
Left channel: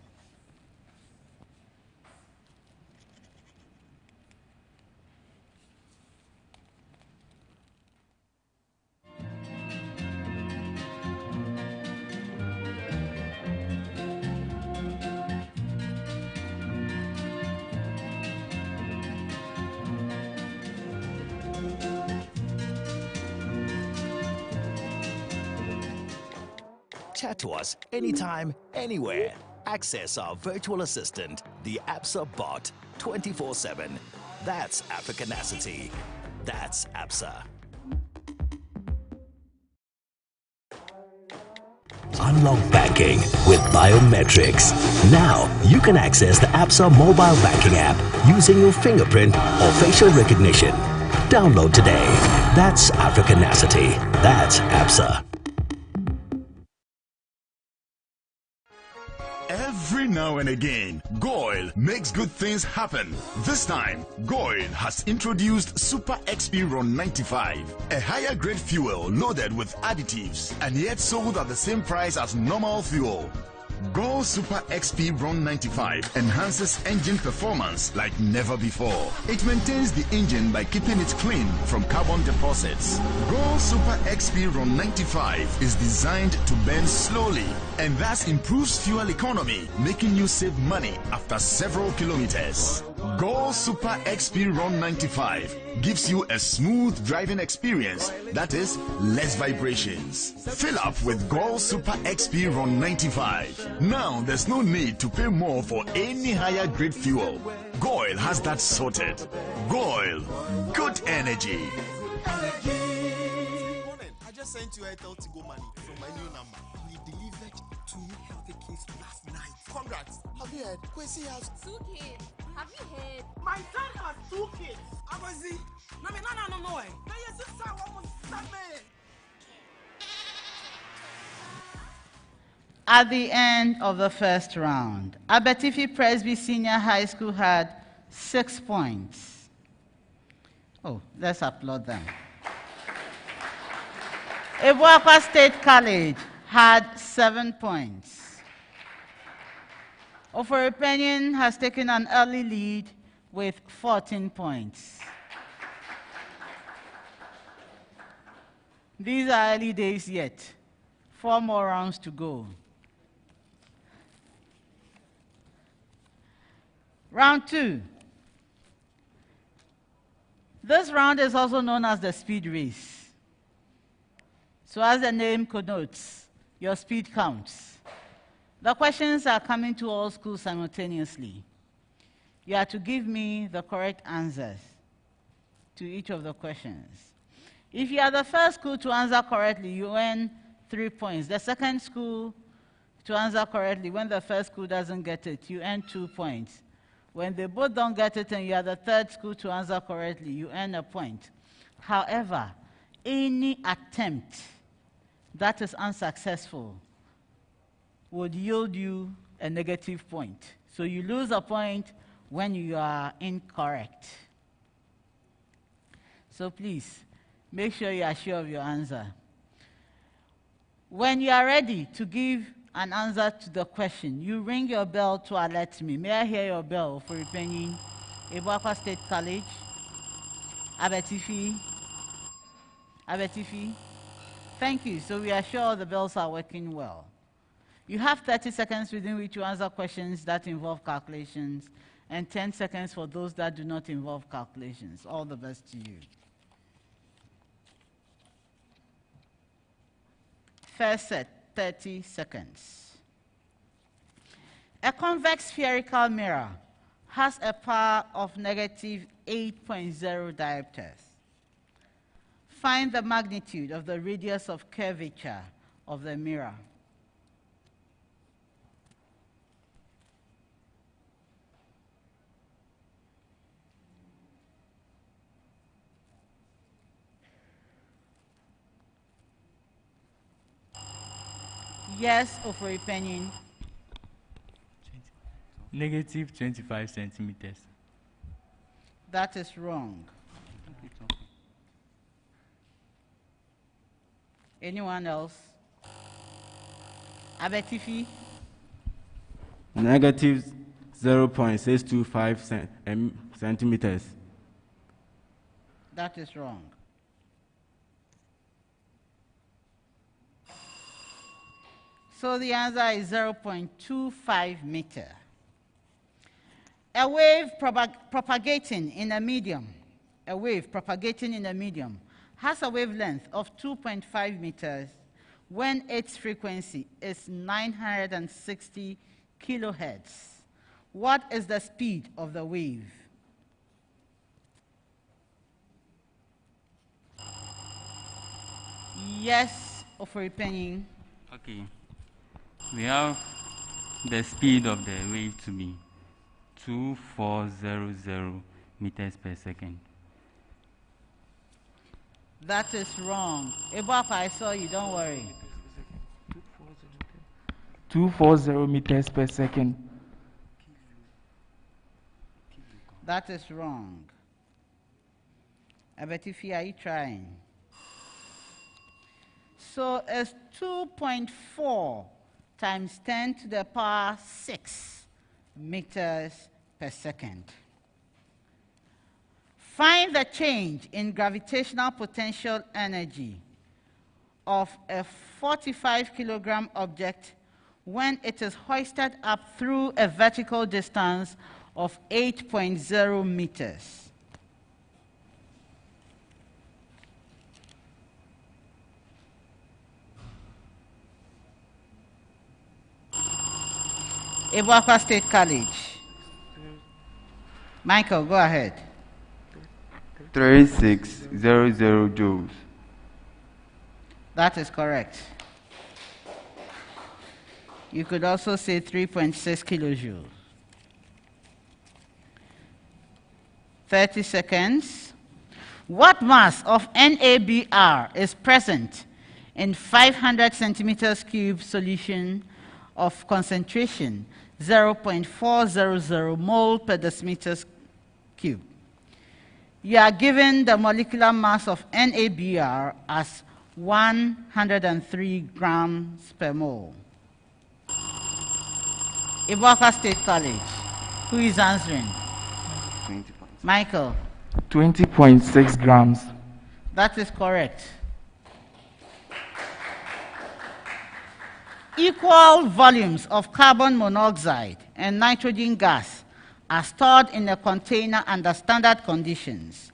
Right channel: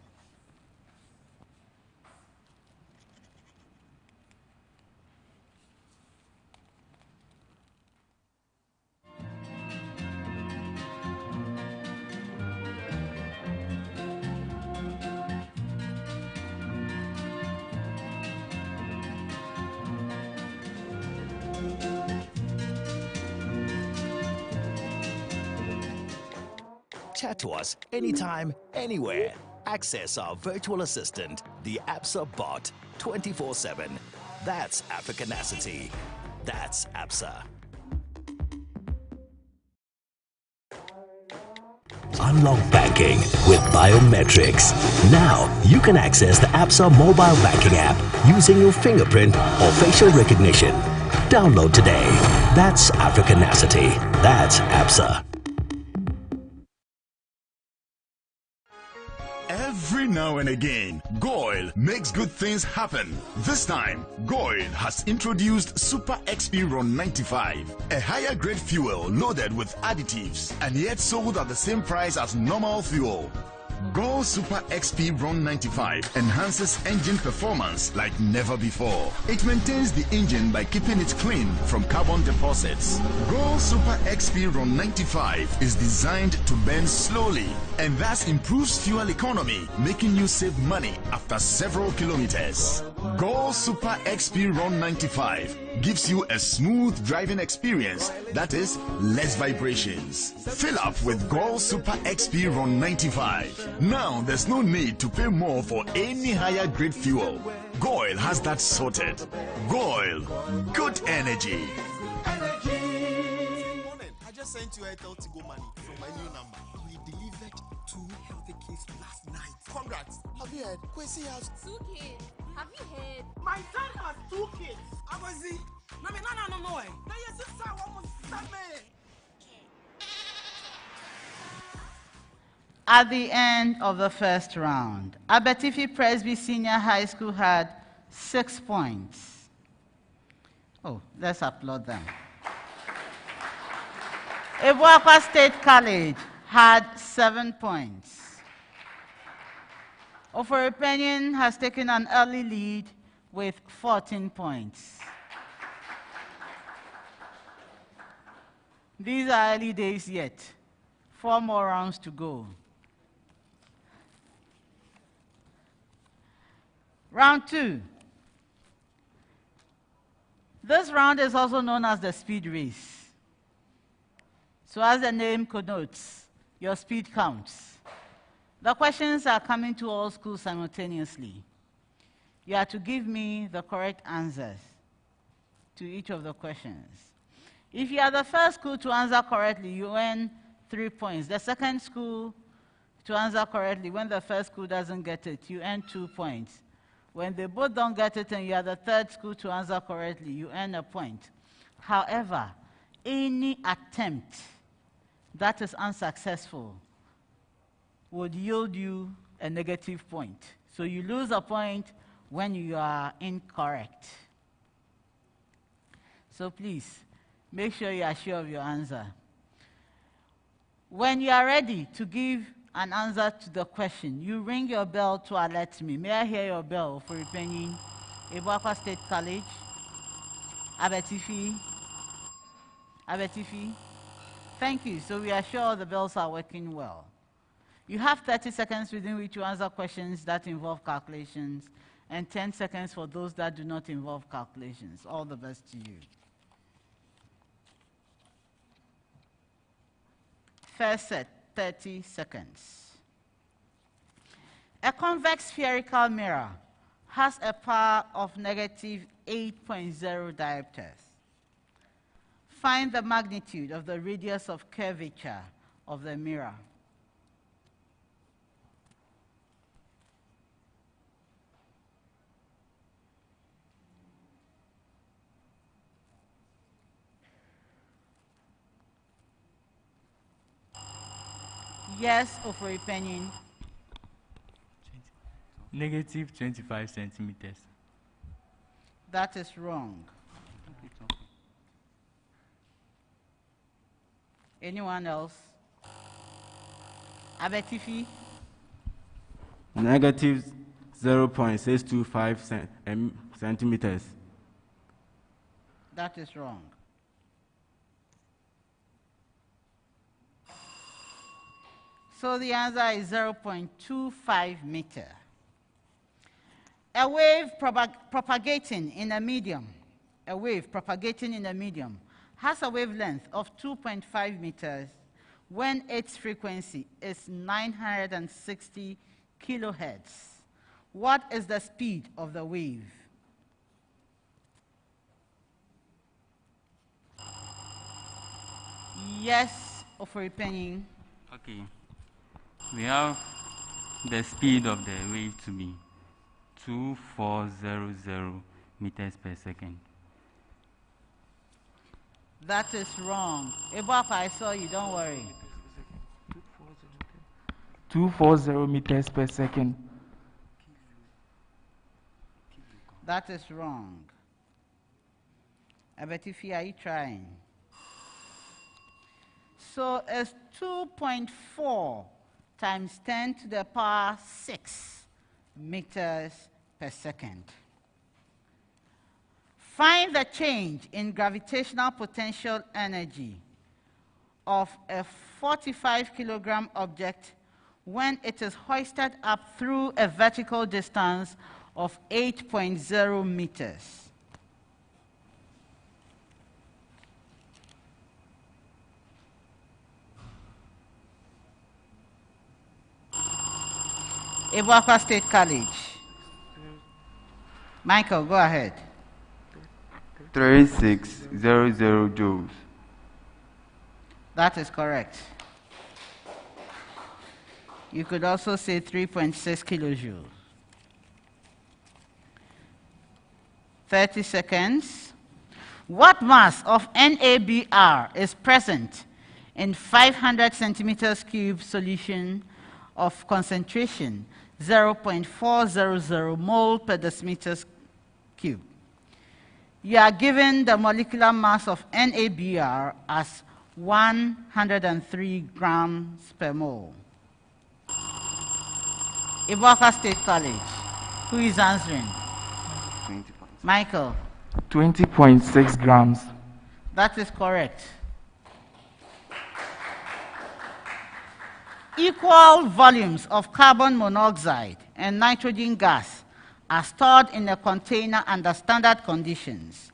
Chat to us anytime, anywhere. Access our virtual assistant, the ABSA bot, 24/7. That's Africanacity. That's ABSA. Unlock banking with biometrics. Now, you can access the ABSA mobile banking app using your fingerprint or facial recognition. Download today. That's Africanacity. That's ABSA. Every now and again, Goil makes good things happen. This time, Goil has introduced Super XP Ron 95, a higher grade fuel loaded with additives and yet sold at the same price as normal fuel. Goil Super XP Ron 95 enhances engine performance like never before. It maintains the engine by keeping it clean from carbon deposits. Goil Super XP Ron 95 is designed to burn slowly and thus improves fuel economy, making you save money after several kilometers. Goil Super XP Ron 95 gives you a smooth driving experience, that is, less vibrations. Fill up with Goil Super XP Ron 95. Now there's no need to pay more for any higher grade fuel. Goil has that sorted. Goil, good energy. I just sent you Airtel to go money from my new number. We delivered 2 healthy kids last night. Congrats. Have you heard? Kwesi has 2 kids. Have you heard? My son has 2 kids. Abazi. No. No, your sister almost me. At the end of the first round, ABETIFI Presby Senior High School had 6 points. Oh, let's applaud them. ABUAKWA State College had 7 points. OFORI PANIN has taken an early lead with 14 points. These are early days yet. 4 more rounds to go. Round 2. This round is also known as the speed race. So as the name connotes, your speed counts. The questions are coming to all schools simultaneously. You are to give me the correct answers to each of the questions. If you are the first school to answer correctly, you earn 3 points. The second school to answer correctly, when the first school doesn't get it, you earn 2 points. When they both don't get it and you are the third school to answer correctly, you earn a point. However, any attempt that is unsuccessful would yield you a negative point. So you lose a point when you are incorrect. So please, make sure you are sure of your answer. When you are ready to give an answer to the question, you ring your bell to alert me. May I hear your bell for repenting? ABUAKWA State College, ABETIFI. Thank you. So we are sure the bells are working well. You have 30 seconds within which to answer questions that involve calculations, and 10 seconds for those that do not involve calculations. All the best to you. First set, 30 seconds. A convex spherical mirror has a power of -8.0 diopters. Find the magnitude of the radius of curvature of the mirror. Yes, OFORI PANIN. -25 centimeters. That is wrong. Anyone else? ABETIFI? Negative 0.625 centimeters. That is wrong. So the answer is 0.25 meter. A wave propagating in a medium has a wavelength of 2.5 meters when its frequency is 960 kilohertz. What is the speed of the wave? Yes, OFORI PANIN. Okay. We have the speed of the wave to be 2400 meters per second. That is wrong. ABUAKWA, I saw you, don't worry. 240 meters per second. That is wrong. ABETIFI, are you trying? So it's 2.4 times 10 to the power 6 meters per second. Find the change in gravitational potential energy of a 45 kilogram object when it is hoisted up through a vertical distance of 8.0 meters. ABUAKWA State College. Michael, go ahead. 3600 joules. That is correct. You could also say 3.6 kilojoules. 30 seconds. What mass of NABR is present in 500 centimeters cube solution of concentration 0.400 mole per decimeters cube? You are given the molecular mass of NABR as 103 grams per mole. ABUAKWA State College. Who is answering? Michael. 20.6 grams. That is correct. Equal volumes of carbon monoxide and nitrogen gas are stored in a container under standard conditions.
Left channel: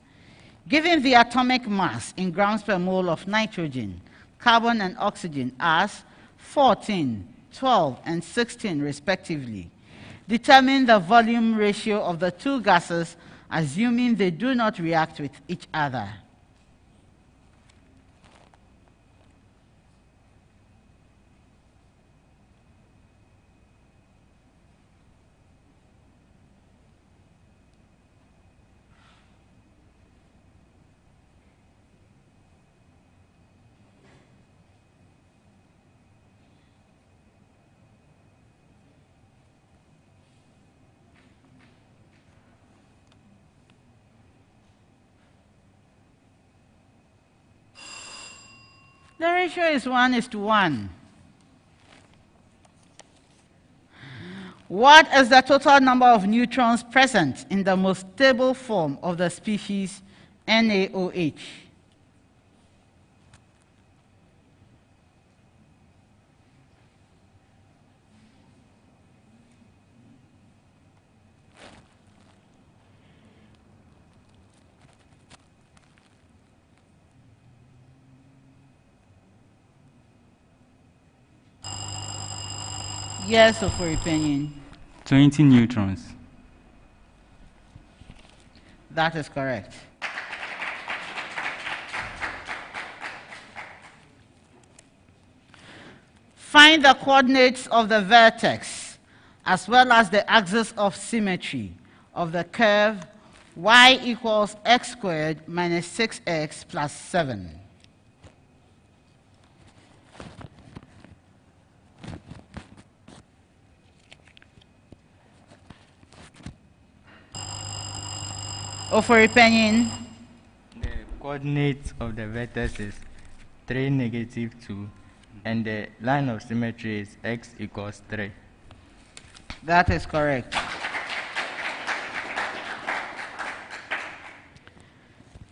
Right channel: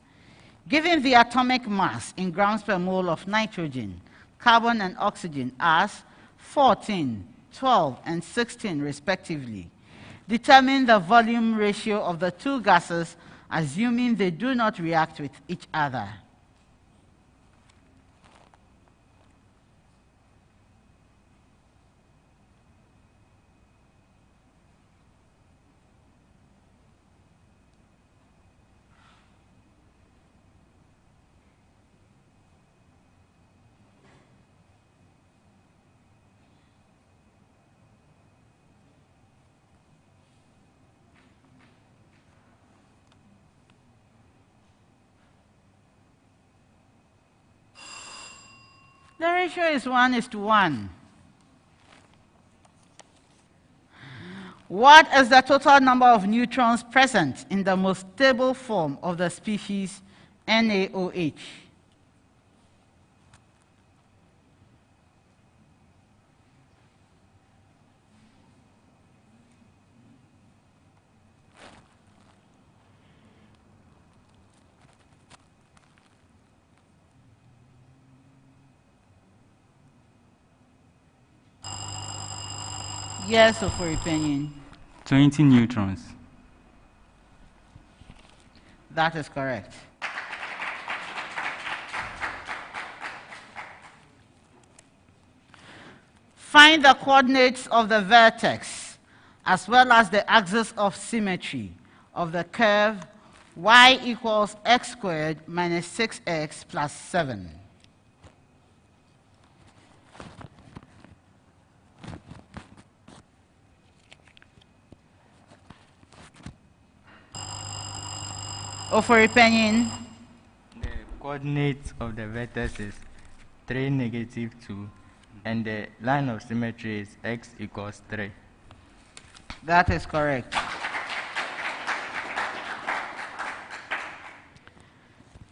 Given the atomic mass in grams per mole of nitrogen, carbon and oxygen as 14, 12, and 16 respectively, determine the volume ratio of the two gases assuming they do not react with each other. The ratio is 1:1. What is the total number of neutrons present in the most stable form of the species NaOH? Yes, OFORI PANIN. 20 neutrons. That is correct. Find the coordinates of the vertex as well as the axis of symmetry of the curve y equals x squared minus 6x plus 7. OFORI PANIN. The coordinates of the vertex is 3, -2, and the line of symmetry is x equals 3. That is correct.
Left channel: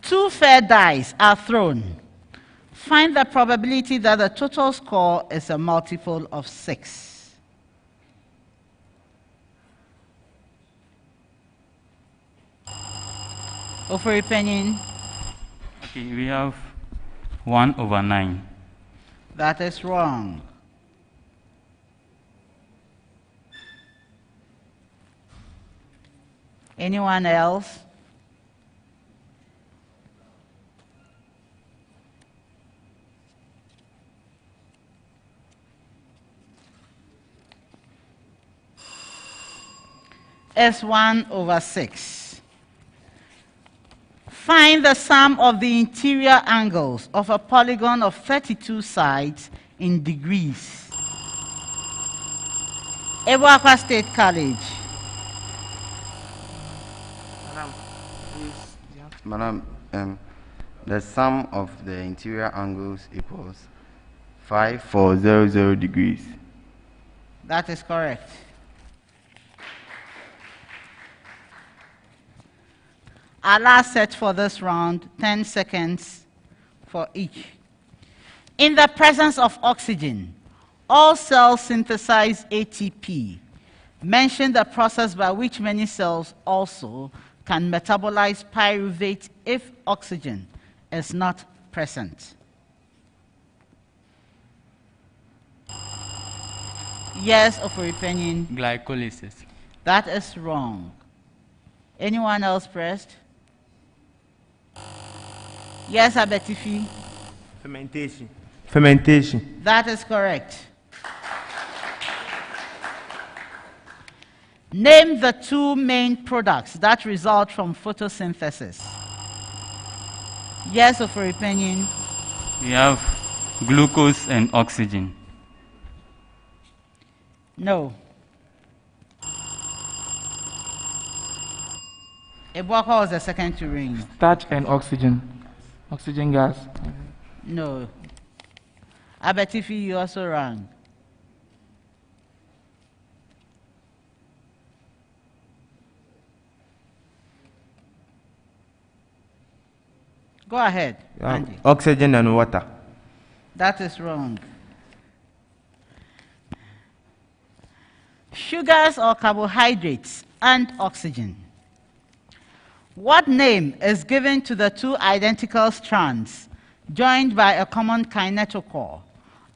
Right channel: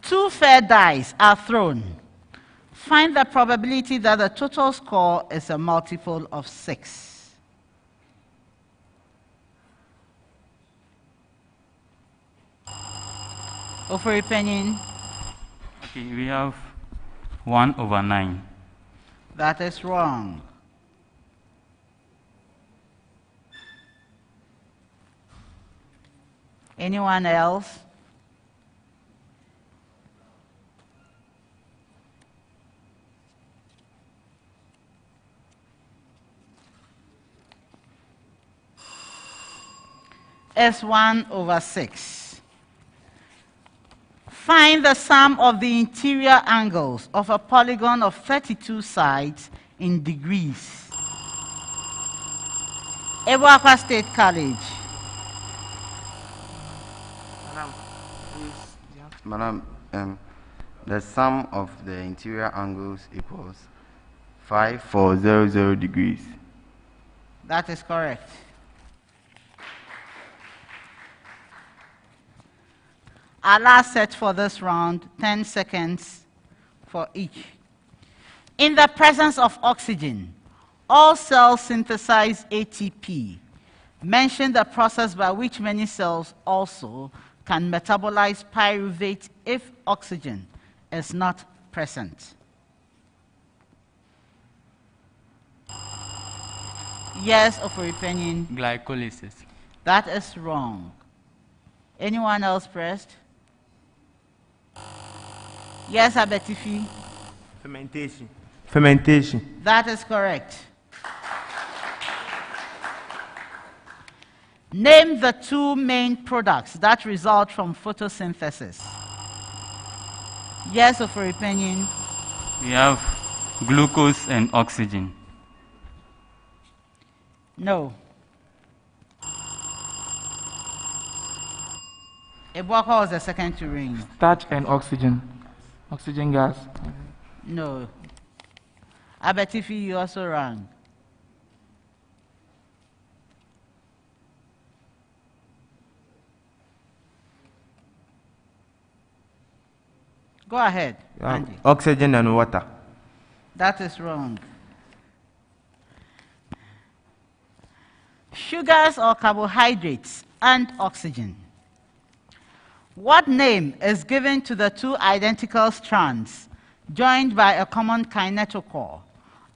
Two fair dice are thrown. Find the probability that the total score is a multiple of 6. OFORI Panin. Okay, we have 1/9. That is wrong. Anyone else? Is 1/6. Find the sum of the interior angles of a polygon of 32 sides in degrees. ABUAKWA State College. Madam, the sum of the interior angles equals 5400 degrees. That is correct. Our last set for this round, 10 seconds for each. In the presence of oxygen, all cells synthesize ATP. Mention the process by which many cells also can metabolize pyruvate if oxygen is not present. Yes, OFORI Panin. Glycolysis. That is wrong. Anyone else pressed? Yes, ABETIFI. Fermentation. Fermentation. That is correct. Name the two main products that result from photosynthesis. Yes, OFORI Panin. We have glucose and oxygen. No. ABUAKWA was the second to ring. Starch and oxygen. Oxygen gas. No. ABETIFI, you also rang. Go ahead, Andy. Oxygen and water. That is wrong. Sugars or carbohydrates and oxygen. What name is given to the two identical strands joined by a common kinetochore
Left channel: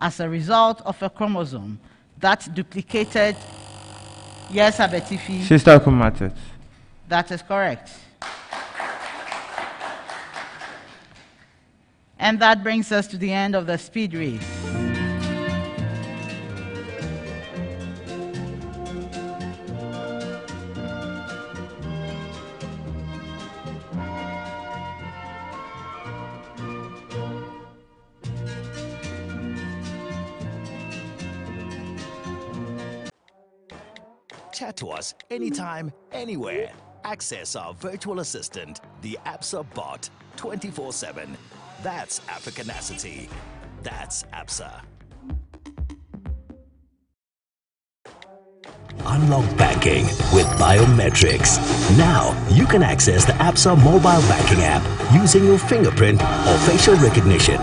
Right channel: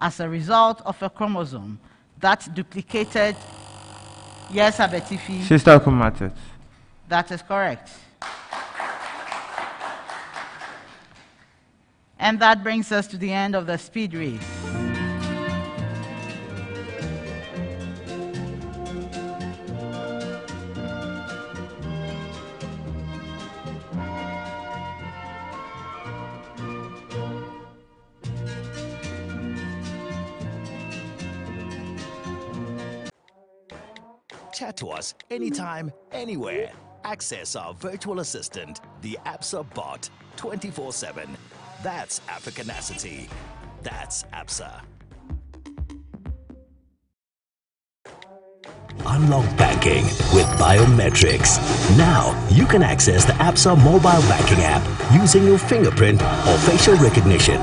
as a result of a chromosome that duplicated? Yes, ABETIFI. Sister chromatids. That is correct. And that brings us to the end of the speed race. Chat to us anytime, anywhere. Access our virtual assistant, the ABSA bot, 24/7. That's Africanacity. That's ABSA. Unlock banking with biometrics. Now you can access the ABSA mobile banking app using your fingerprint or facial recognition.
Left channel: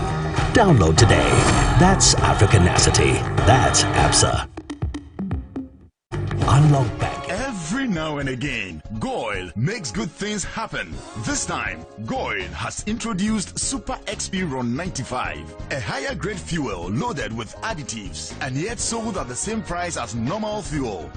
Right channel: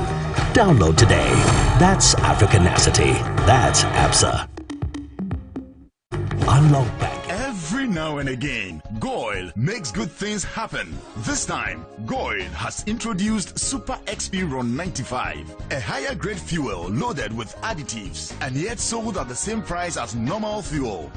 Download today. That's Africanacity. That's ABSA. Unlock banking. Every now and again, Goil makes good things happen. This time, Goil has introduced Super XP Ron 95, a higher grade fuel loaded with additives and yet sold at the same price as normal fuel.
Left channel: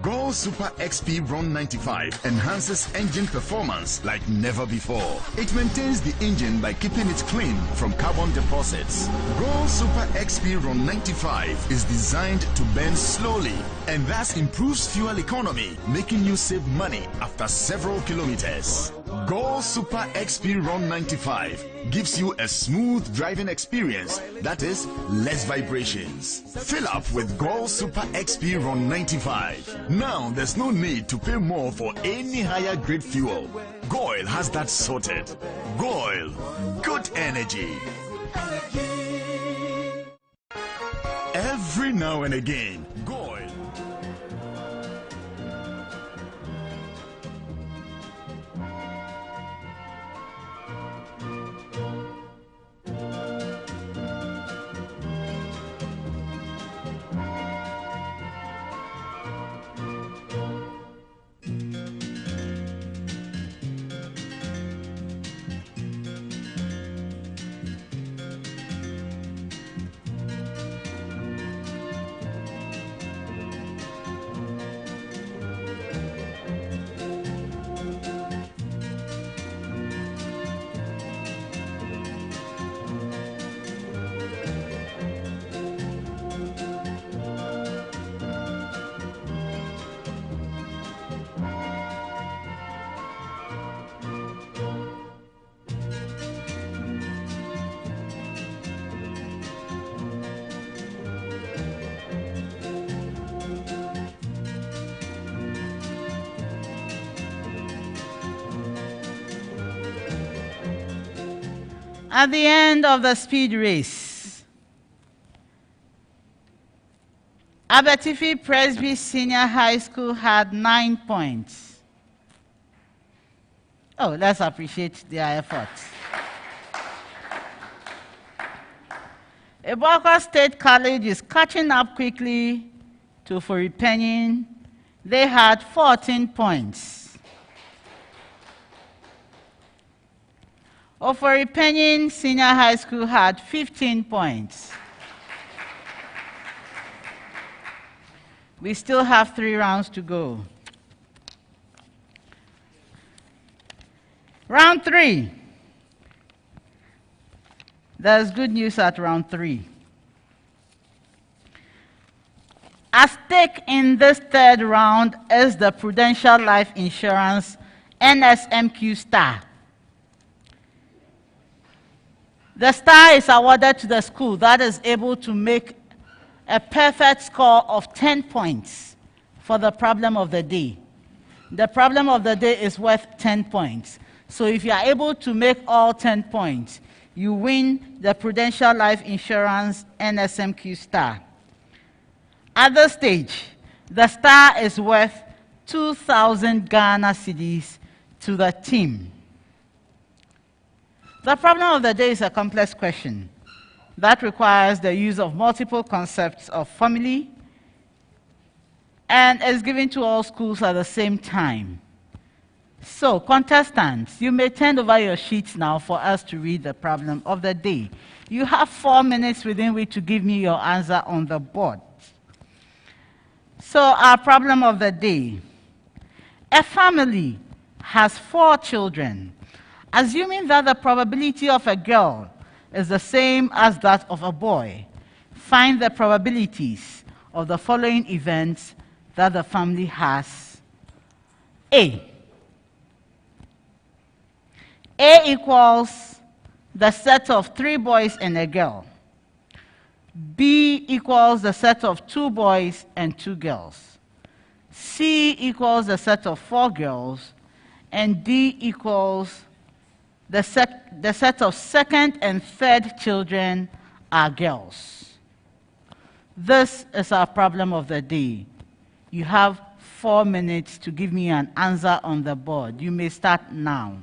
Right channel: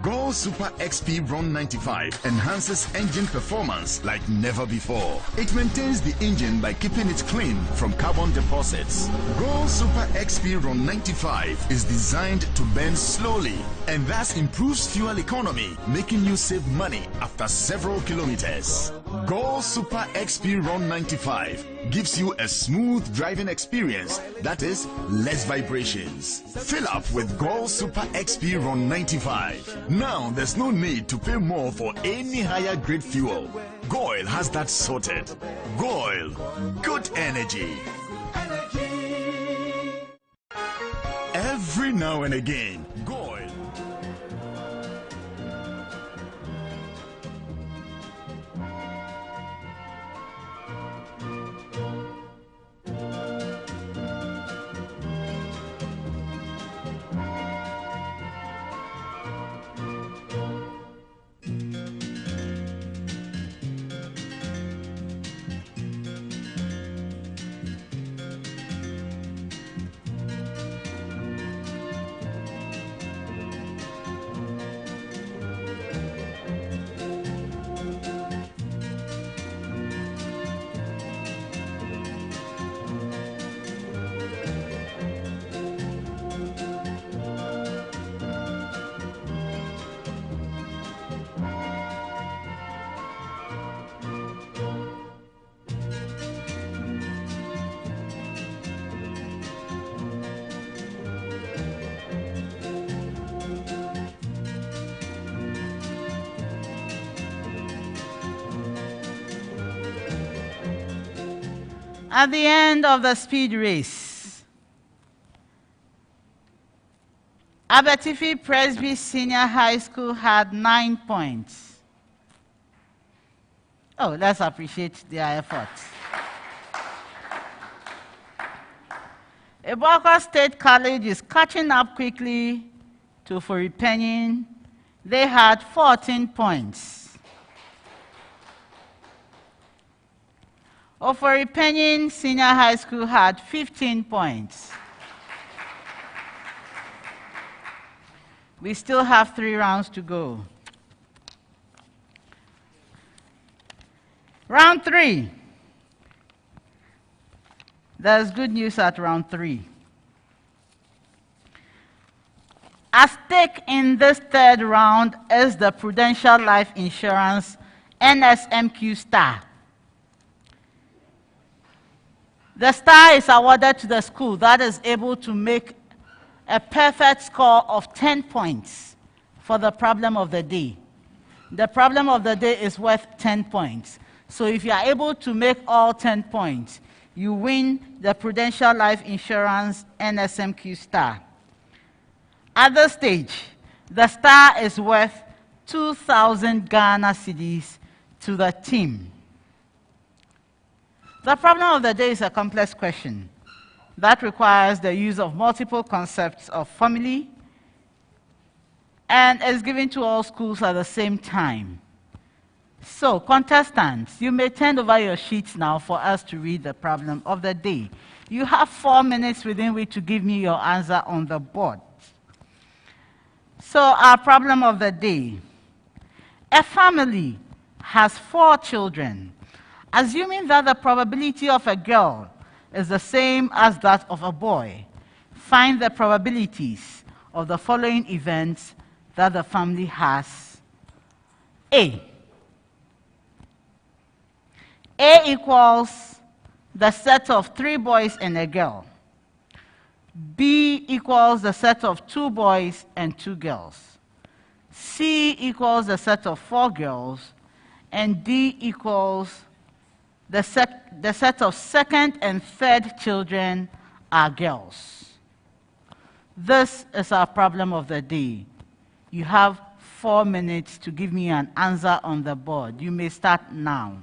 Goil Super XP Ron 95 enhances engine performance like never before. It maintains the engine by keeping it clean from carbon deposits. Goil Super XP Ron 95 is designed to burn slowly and thus improves fuel economy, making you save money after several kilometers. Goil Super XP Ron 95 gives you a smooth driving experience, that is, less vibrations. Fill up with Goil Super XP Ron 95. Now there's no need to pay more for any higher grade fuel. Goil has that sorted. Goil, good energy. Every now and again, Goyle. At the end of the speed race, ABETIFI Presby Senior High School had 9 points. Oh, let's appreciate their efforts. ABUAKWA State College is catching up quickly to OFORI PANIN. They had 14 points. OFORI PANIN Senior High School had 15 points. We still have 3 rounds to go. Round 3. There's good news at round 3. At stake in this 3rd round is the Prudential Life Insurance NSMQ star. The star is awarded to the school that is able to make a perfect score of 10 points for the problem of the day. The problem of the day is worth 10 points. So if you are able to make all 10 points, you win the Prudential Life Insurance NSMQ star. At this stage, the star is worth 2,000 Ghana cedis to the team. The problem of the day is a complex question that requires the use of multiple concepts of family and is given to all schools at the same time. So, contestants, you may turn over your sheets now for us to read the problem of the day. You have 4 minutes within which to give me your answer on the board. So, our problem of the day. A family has 4 children. Assuming that the probability of a girl is the same as that of a boy, find the probabilities of the following events that the family has. A equals the set of 3 boys and a girl. B equals the set of 2 boys and 2 girls. C equals the set of 4 girls. And D equals the set of 2nd and 3rd children are girls. This is our problem of the day. You have 4 minutes to give me an answer on the board. You may start now.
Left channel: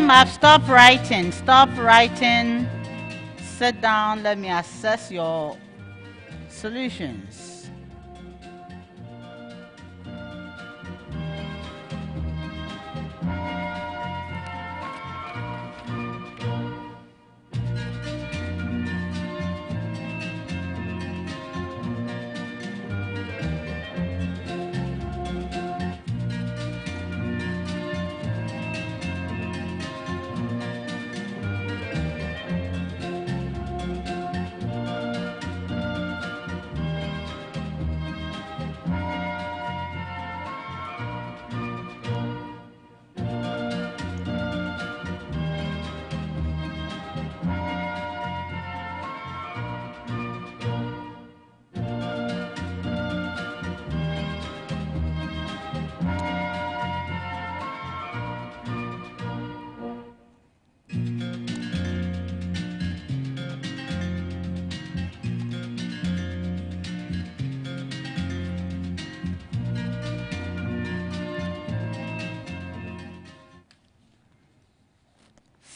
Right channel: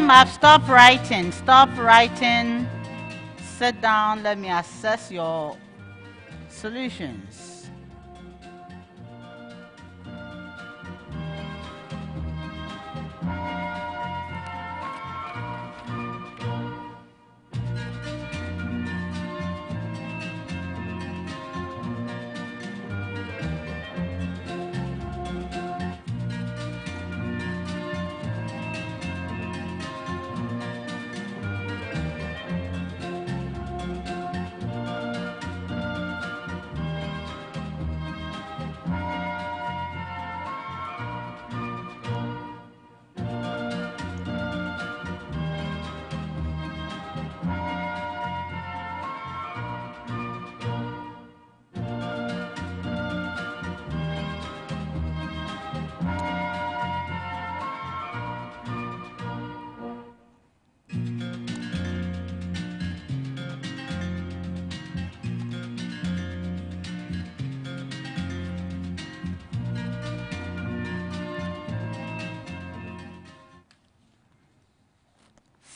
Time up. Stop writing. Stop writing. Sit down. Let me assess your solutions.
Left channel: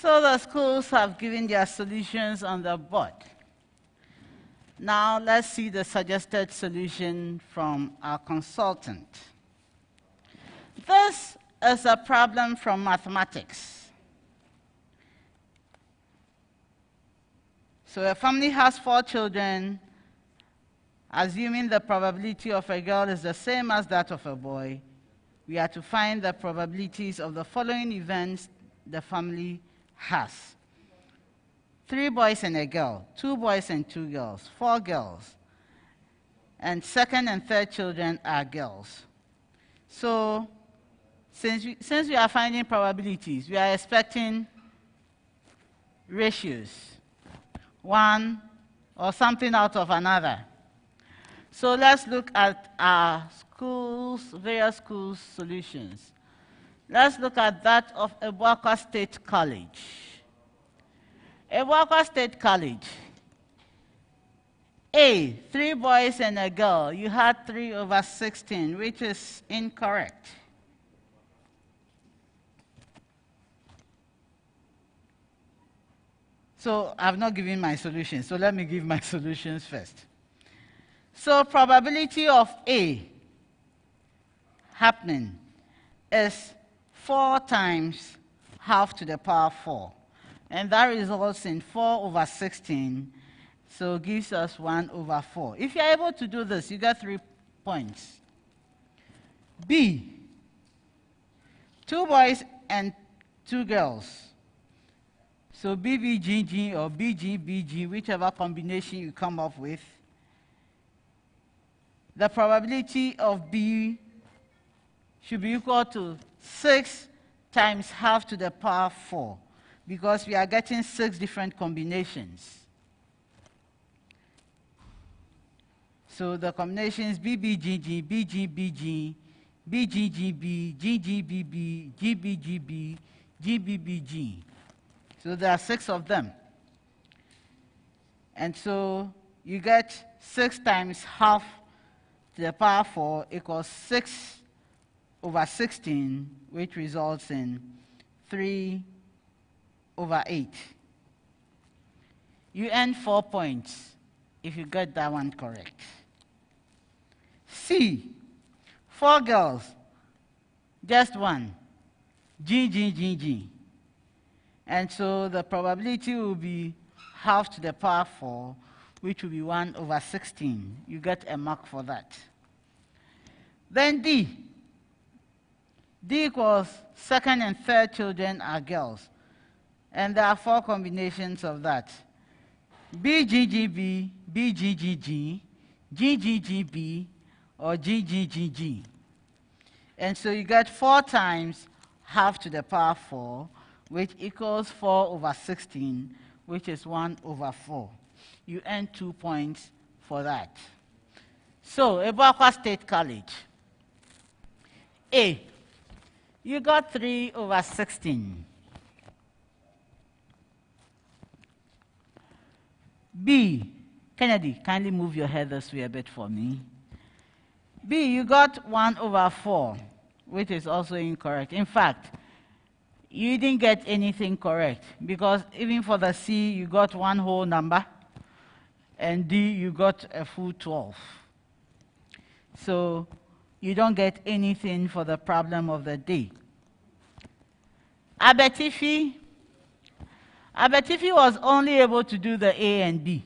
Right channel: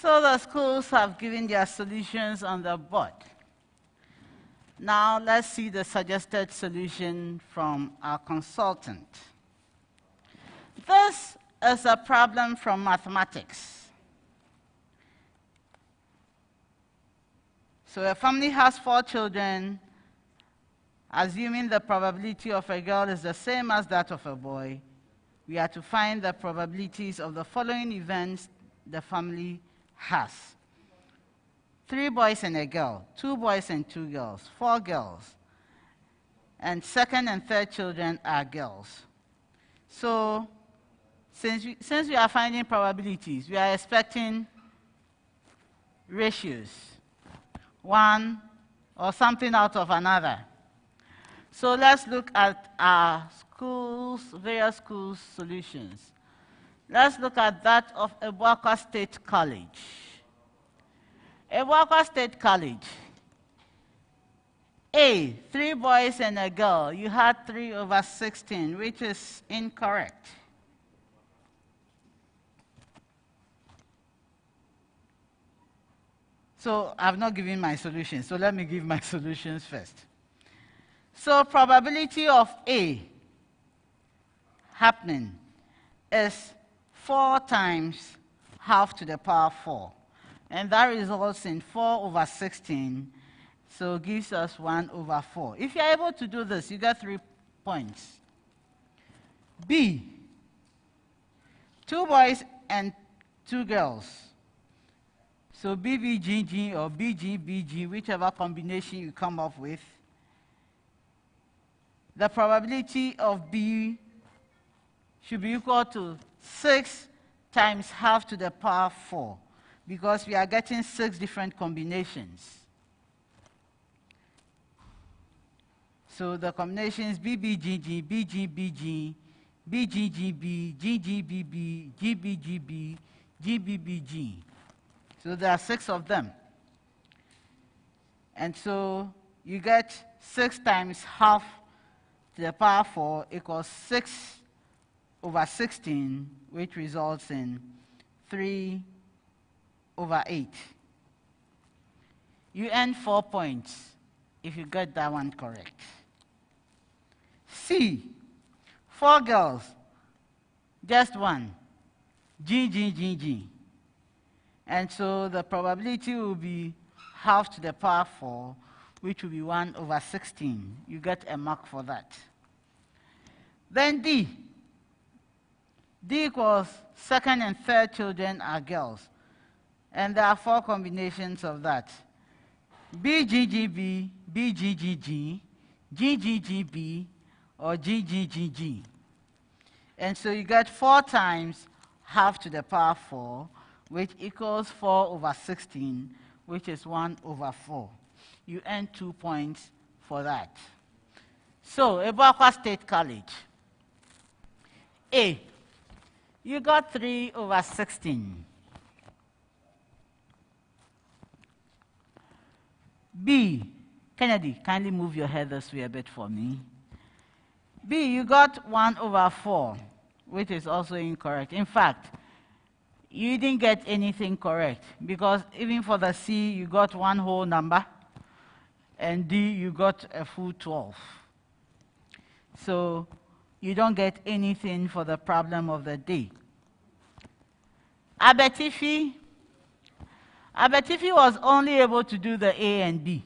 So the schools have given their solutions on the board. Now let's see the suggested solution from our consultant. This is a problem from mathematics. So a family has 4 children. Assuming the probability of a girl is the same as that of a boy, we are to find the probabilities of the following events the family has. 3 boys and a girl, 2 boys and 2 girls, 4 girls, and second and third children are girls. So since we are finding probabilities, we are expecting ratios, one or something out of another. So let's look at our various schools' solutions. Let's look at that of ABUAKWA State College. ABUAKWA State College. A, 3 boys and a girl. You had 3/16, which is incorrect. So I've not given my solutions, so let me give my solutions first. So probability of A happening is 4 times half to the power 4. And that results in 4/16, so gives us 1/4. If you're able to do this, you get 3 points. B, 2 boys and 2 girls. So BBGG or BGBG, whichever combination you come up with, the probability of B should be equal to 6 times half to the power 4, because we are getting 6 different combinations. So the combinations BBGG, BGBG, BGGB, GGBB, GBGB, GBBG. So there are 6 of them. And so you get 6 times half to the power 4 equals 6/16, which results in 3/8. You earn 4 points if you get that one correct. C, 4 girls, just 1, GGGG. And so the probability will be half to the power 4, which will be 1/16. You get a mark for that. Then D. D equals second and third children are girls. And there are 4 combinations of that. BGGB, BGGG, GGGB, or GGGG. And so you get 4 times half to the power 4, which equals 4/16, which is 1/4. You earn 2 points for that. So, ABUAKWA State College. A, you got 3/16. B, Kennedy, kindly move your head this way a bit for me. B, you got 1/4, which is also incorrect. In fact, You didn't get anything correct, because even for the C, you got one whole number, and D, you got a full 12. So you don't get anything for the problem of the day. ABETIFI was only able to do the A and B.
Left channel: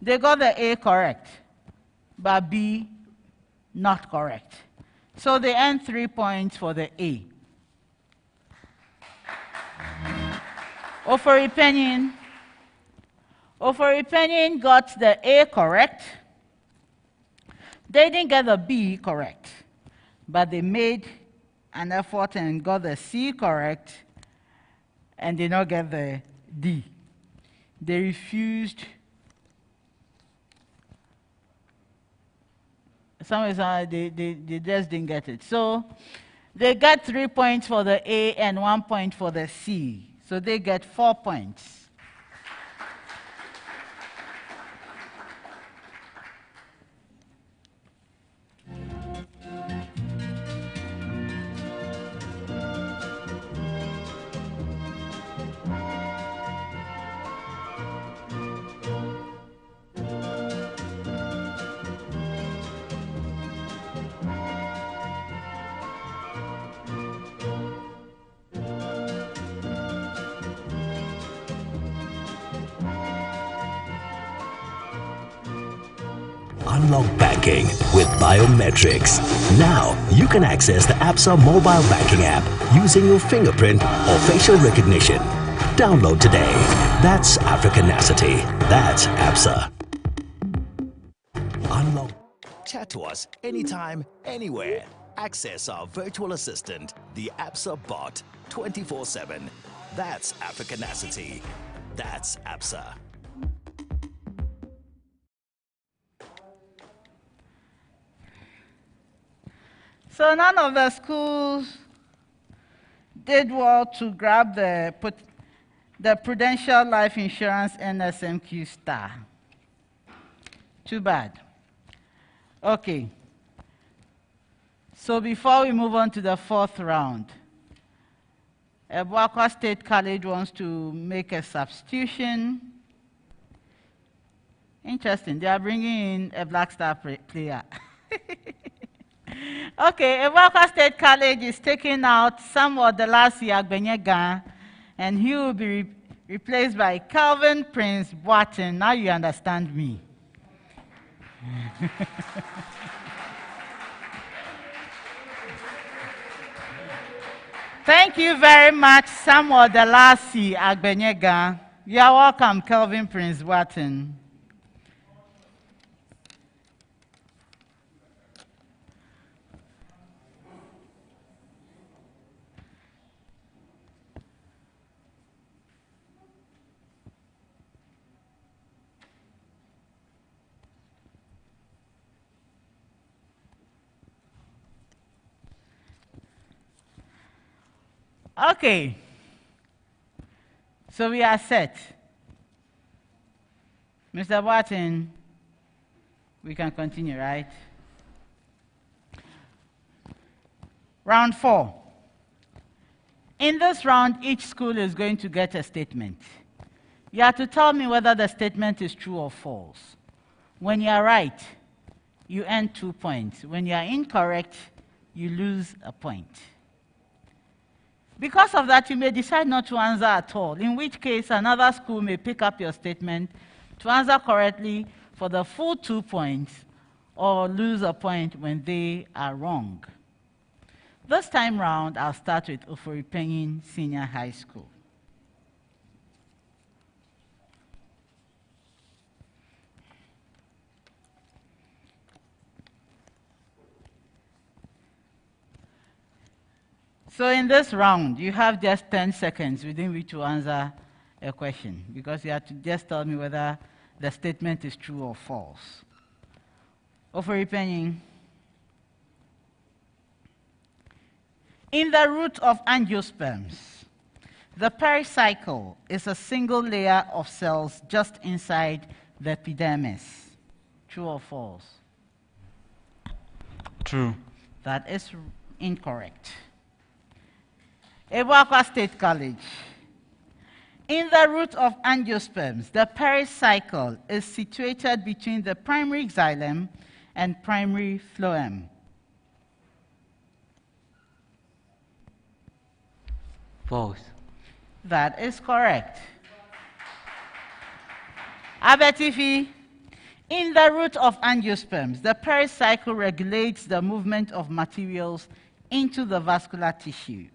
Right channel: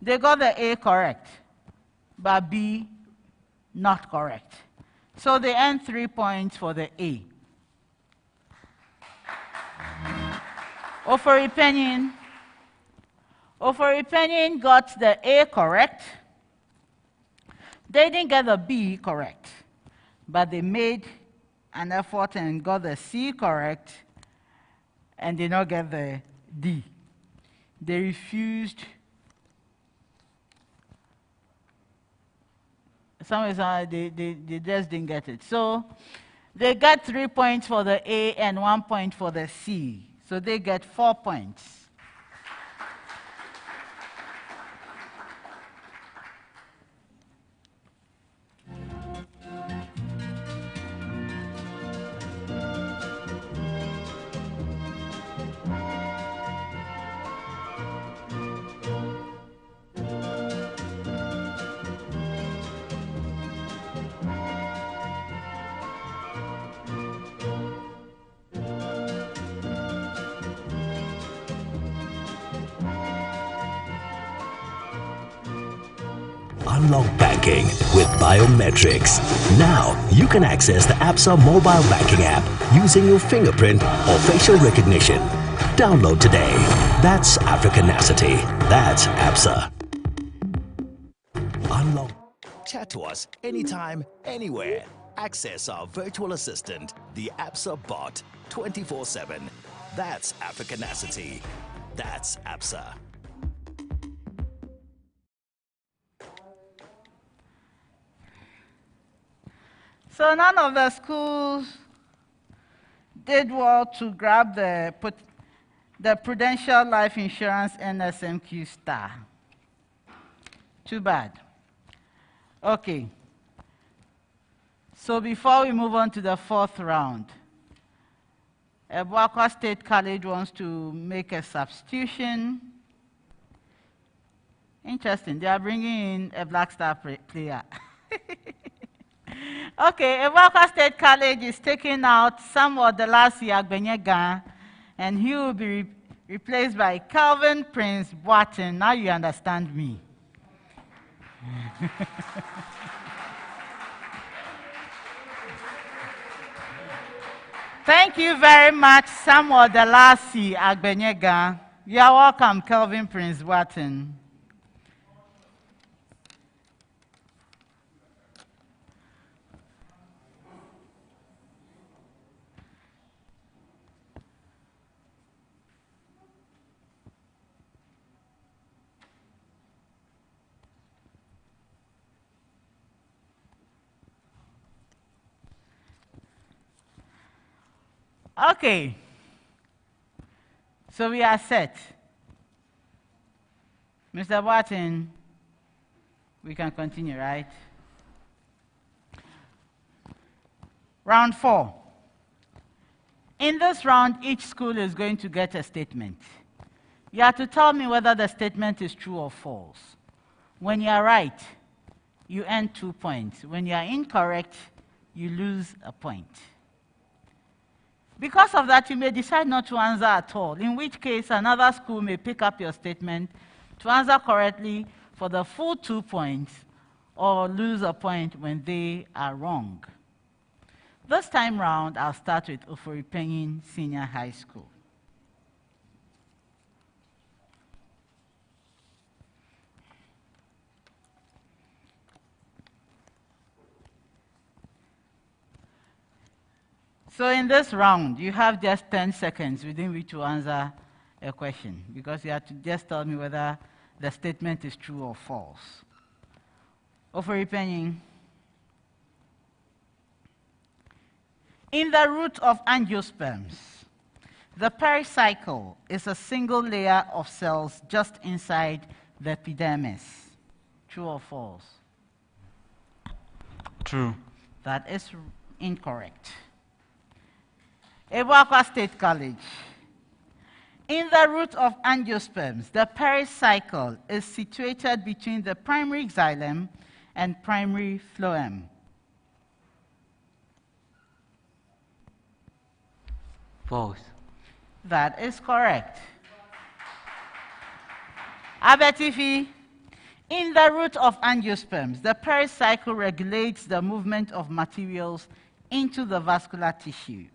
They got the A correct, but B not correct. So they earned 3 points for the A. OFORI Panin got the A correct. They didn't get the B correct, but they made an effort and got the C correct, and did not get the D. They refused. They just didn't get it. So they got 3 points for the A and 1 point for the C. So they get 4 points. Unlock banking with biometrics. Now you can access the ABSA mobile banking app using your fingerprint or facial recognition. Download today. That's Africanacity. That's ABSA. Unlock. Chat to us anytime, anywhere. Access our virtual assistant, the ABSA bot, 24/7. That's Africanacity. That's ABSA. So none of the schools did well to grab the Prudential Life Insurance NSMQ star. Too bad. Okay. So before we move on to the 4th round, ABUAKWA State College wants to make a substitution. Interesting. They are bringing in a Black Star player. Okay, ABUAKWA State College is taking out Samuel Delasi Agbenyega, and he will be replaced by Calvin Prince Boateng. Now you understand me. Thank you very much, Samuel Delasi Agbenyega. You are welcome, Calvin Prince Boateng. Okay, so we are set. Mr. Boateng, we can continue, right? Round 4. In this round, each school is going to get a statement. You have to tell me whether the statement is true or false. When you are right, you earn 2 points. When you are incorrect, you lose a point. Because of that, you may decide not to answer at all, in which case another school may pick up your statement to answer correctly for the full 2 points, or lose a point when they are wrong. This time round, I'll start with OFORI Panin Senior High School. So in this round, you have just 10 seconds within which to answer a question, because you have to just tell me whether the statement is true or false. OFORI Panin. In the root of angiosperms, the pericycle is a single layer of cells just inside the epidermis. True or false? True. That is incorrect. ABUAKWA State College. In the root of angiosperms, the pericycle is situated between the primary xylem and primary phloem. False. That is correct. ABETIFI, in the root of angiosperms, the pericycle regulates the movement of materials into the vascular tissue.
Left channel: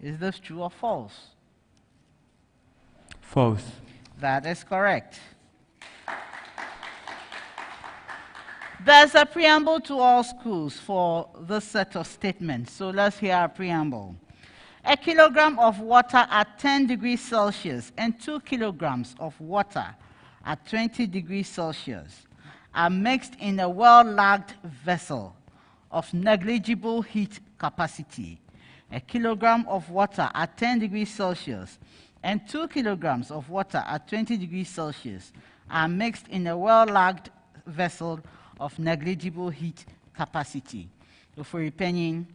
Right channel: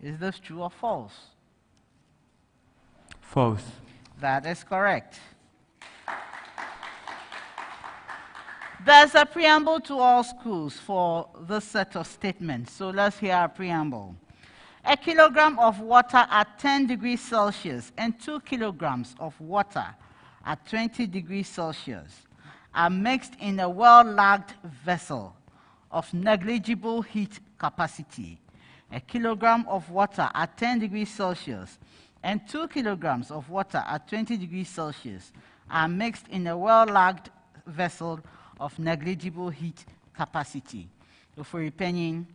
Is this true or false? False. That is correct. There's a preamble to all schools for this set of statements, so let's hear our preamble. A kilogram of water at 10 degrees Celsius and 2 kilograms of water at 20 degrees Celsius are mixed in a well-lagged vessel of negligible heat capacity. A kilogram of water at 10 degrees Celsius and 2 kilograms of water at 20 degrees Celsius are mixed in a well-lagged vessel of negligible heat capacity. OFORI PANIN,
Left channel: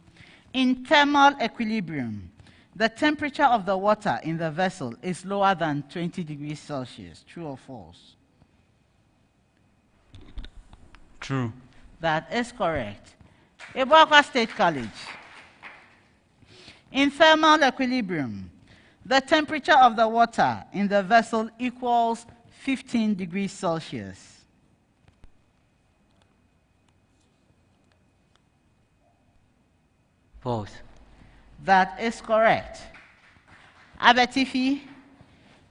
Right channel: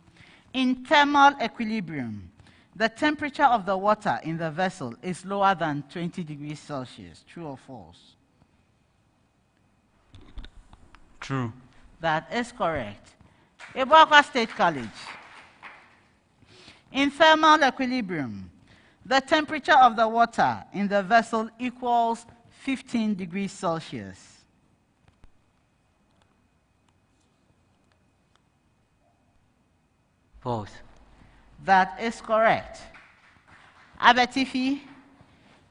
in thermal equilibrium, the temperature of the water in the vessel is lower than 20 degrees Celsius. True or false? True. That is correct. ABUAKWA State College. In thermal equilibrium, the temperature of the water in the vessel equals 15 degrees Celsius. False. That is correct. ABETIFI,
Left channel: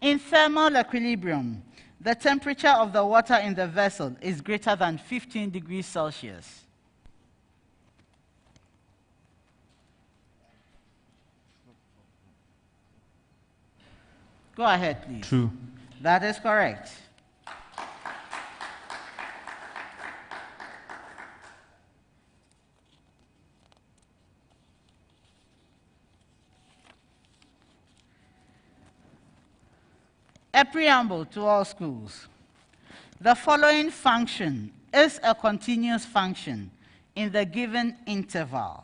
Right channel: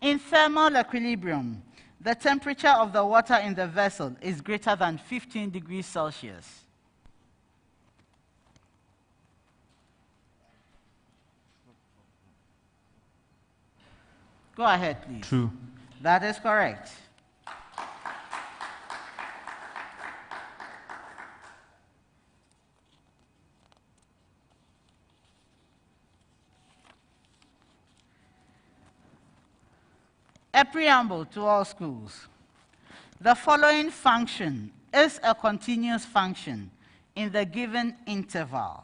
in thermal equilibrium, the temperature of the water in the vessel is greater than 15 degrees Celsius. Go ahead, please. True. That is correct. A preamble to all schools. The following function is a continuous function in the given interval.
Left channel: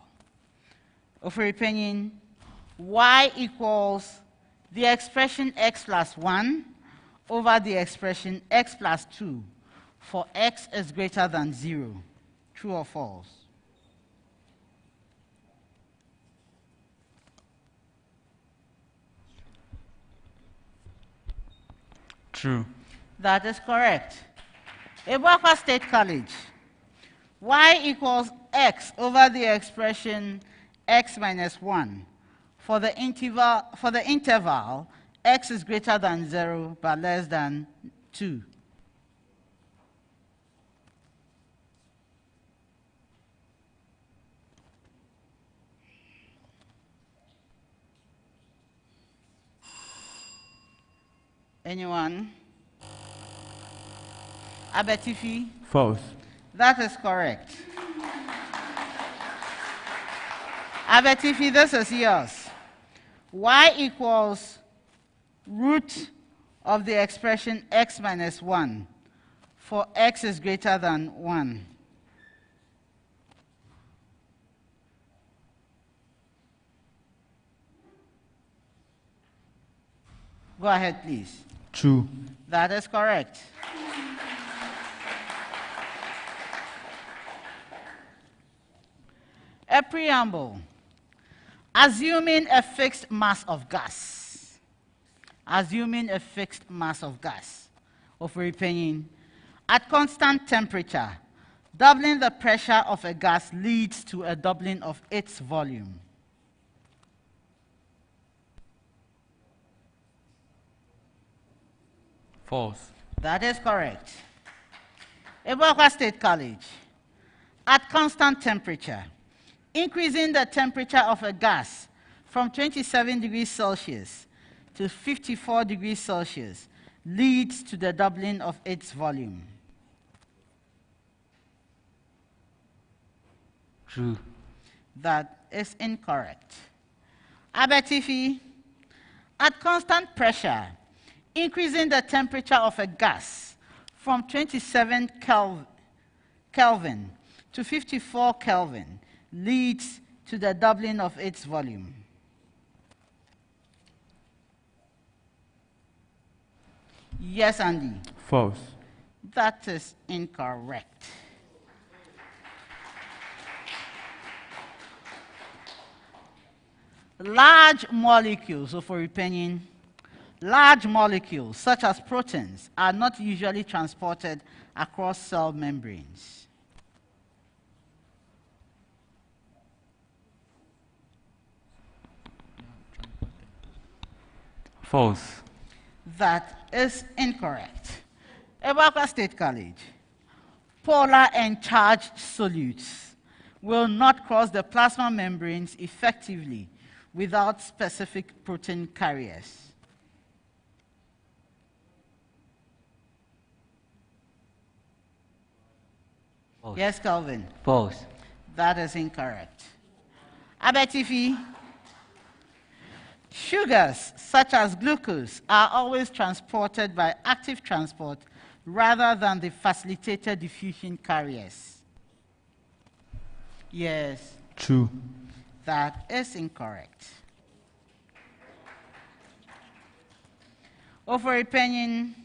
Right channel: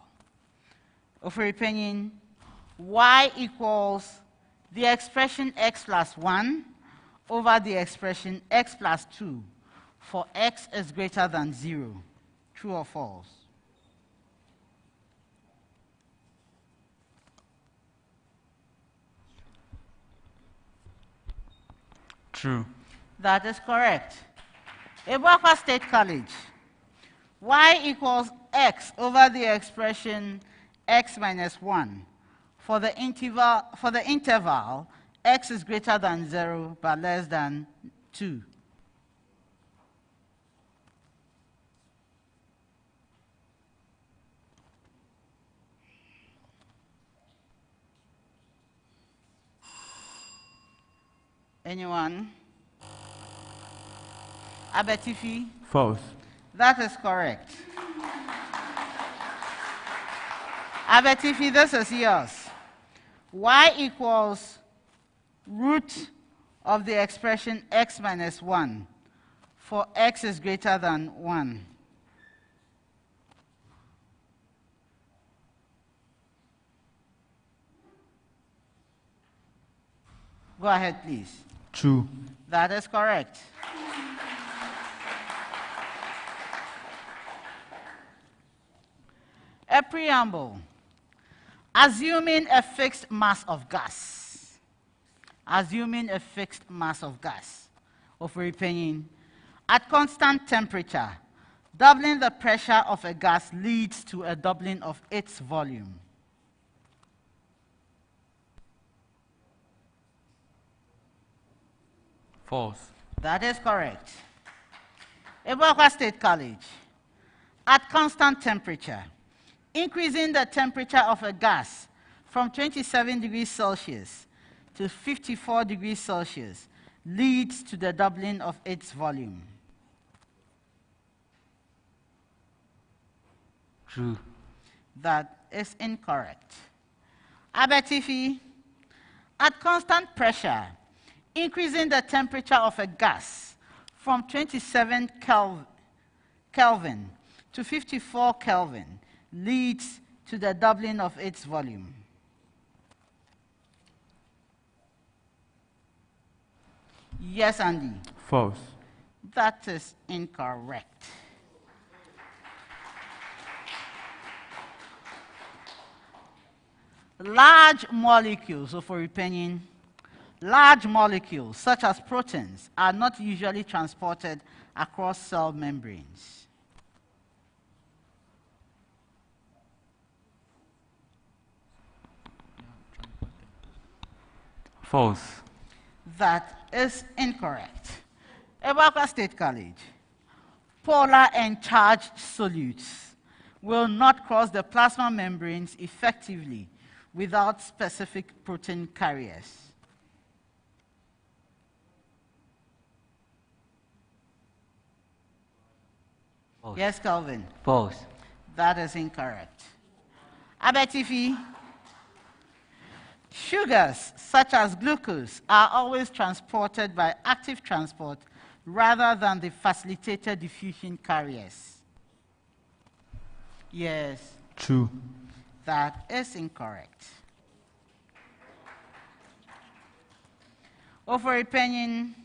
OFORI PANIN, y equals the expression x plus 1 over the expression x plus 2 for x is greater than 0. True or false? True. That is correct. ABUAKWA State College. Y equals x over the expression x minus 1 for the interval x is greater than 0 but less than 2. Anyone? ABETIFI? False. That is correct. ABETIFI, this is yours. Y equals root of the expression x minus 1 for x is greater than 1. Go ahead, please. True. That is correct. A preamble. Assuming a fixed mass of gas. Assuming a fixed mass of gas. OFORI PANIN, at constant temperature, doubling the pressure of a gas leads to a doubling of its volume. False. That is correct. ABUAKWA State College. At constant temperature, increasing the temperature of a gas from 27 degrees Celsius to 54 degrees Celsius leads to the doubling of its volume. True. That is incorrect. ABETIFI, at constant pressure, increasing the temperature of a gas from 27 Kelvin to 54 Kelvin leads to the doubling of its volume. Yes, Andy. False. That is incorrect. Large molecules, so for opinion, large molecules such as proteins are not usually transported across cell membranes. False. That is incorrect. ABUAKWA State College. Polar and charged solutes will not cross the plasma membranes effectively without specific protein carriers. False. Yes, Calvin? False. That is incorrect. ABETIFI. Sugars, such as glucose, are always transported by active transport rather than the facilitated diffusion carriers. Yes. True. That is incorrect. OFORI PANIN,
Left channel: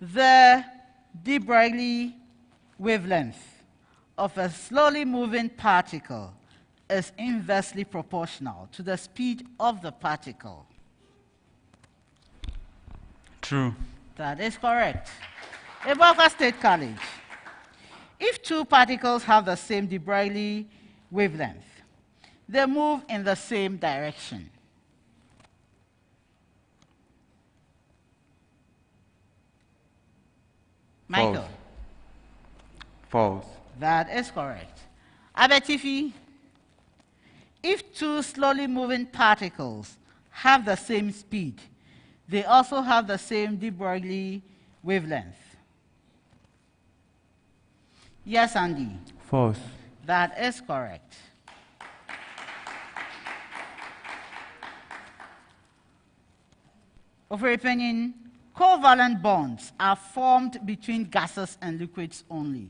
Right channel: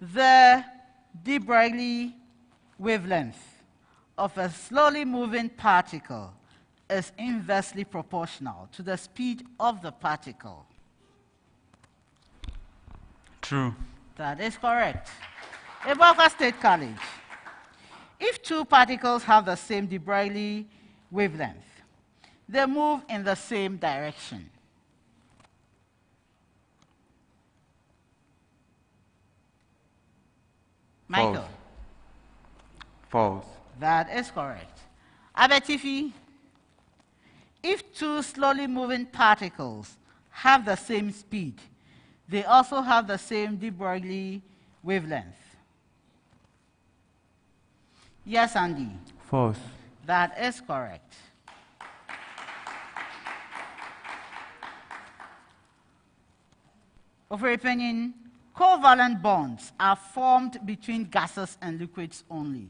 the de Broglie wavelength of a slowly moving particle is inversely proportional to the speed of the particle. True. That is correct. ABUAKWA State College. If two particles have the same de Broglie wavelength, they move in the same direction. Michael. False. That is correct. ABETIFI. If two slowly moving particles have the same speed, they also have the same de Broglie wavelength. Yes, Andy. False. That is correct. OFORI PANIN, covalent bonds are formed between gases and liquids only.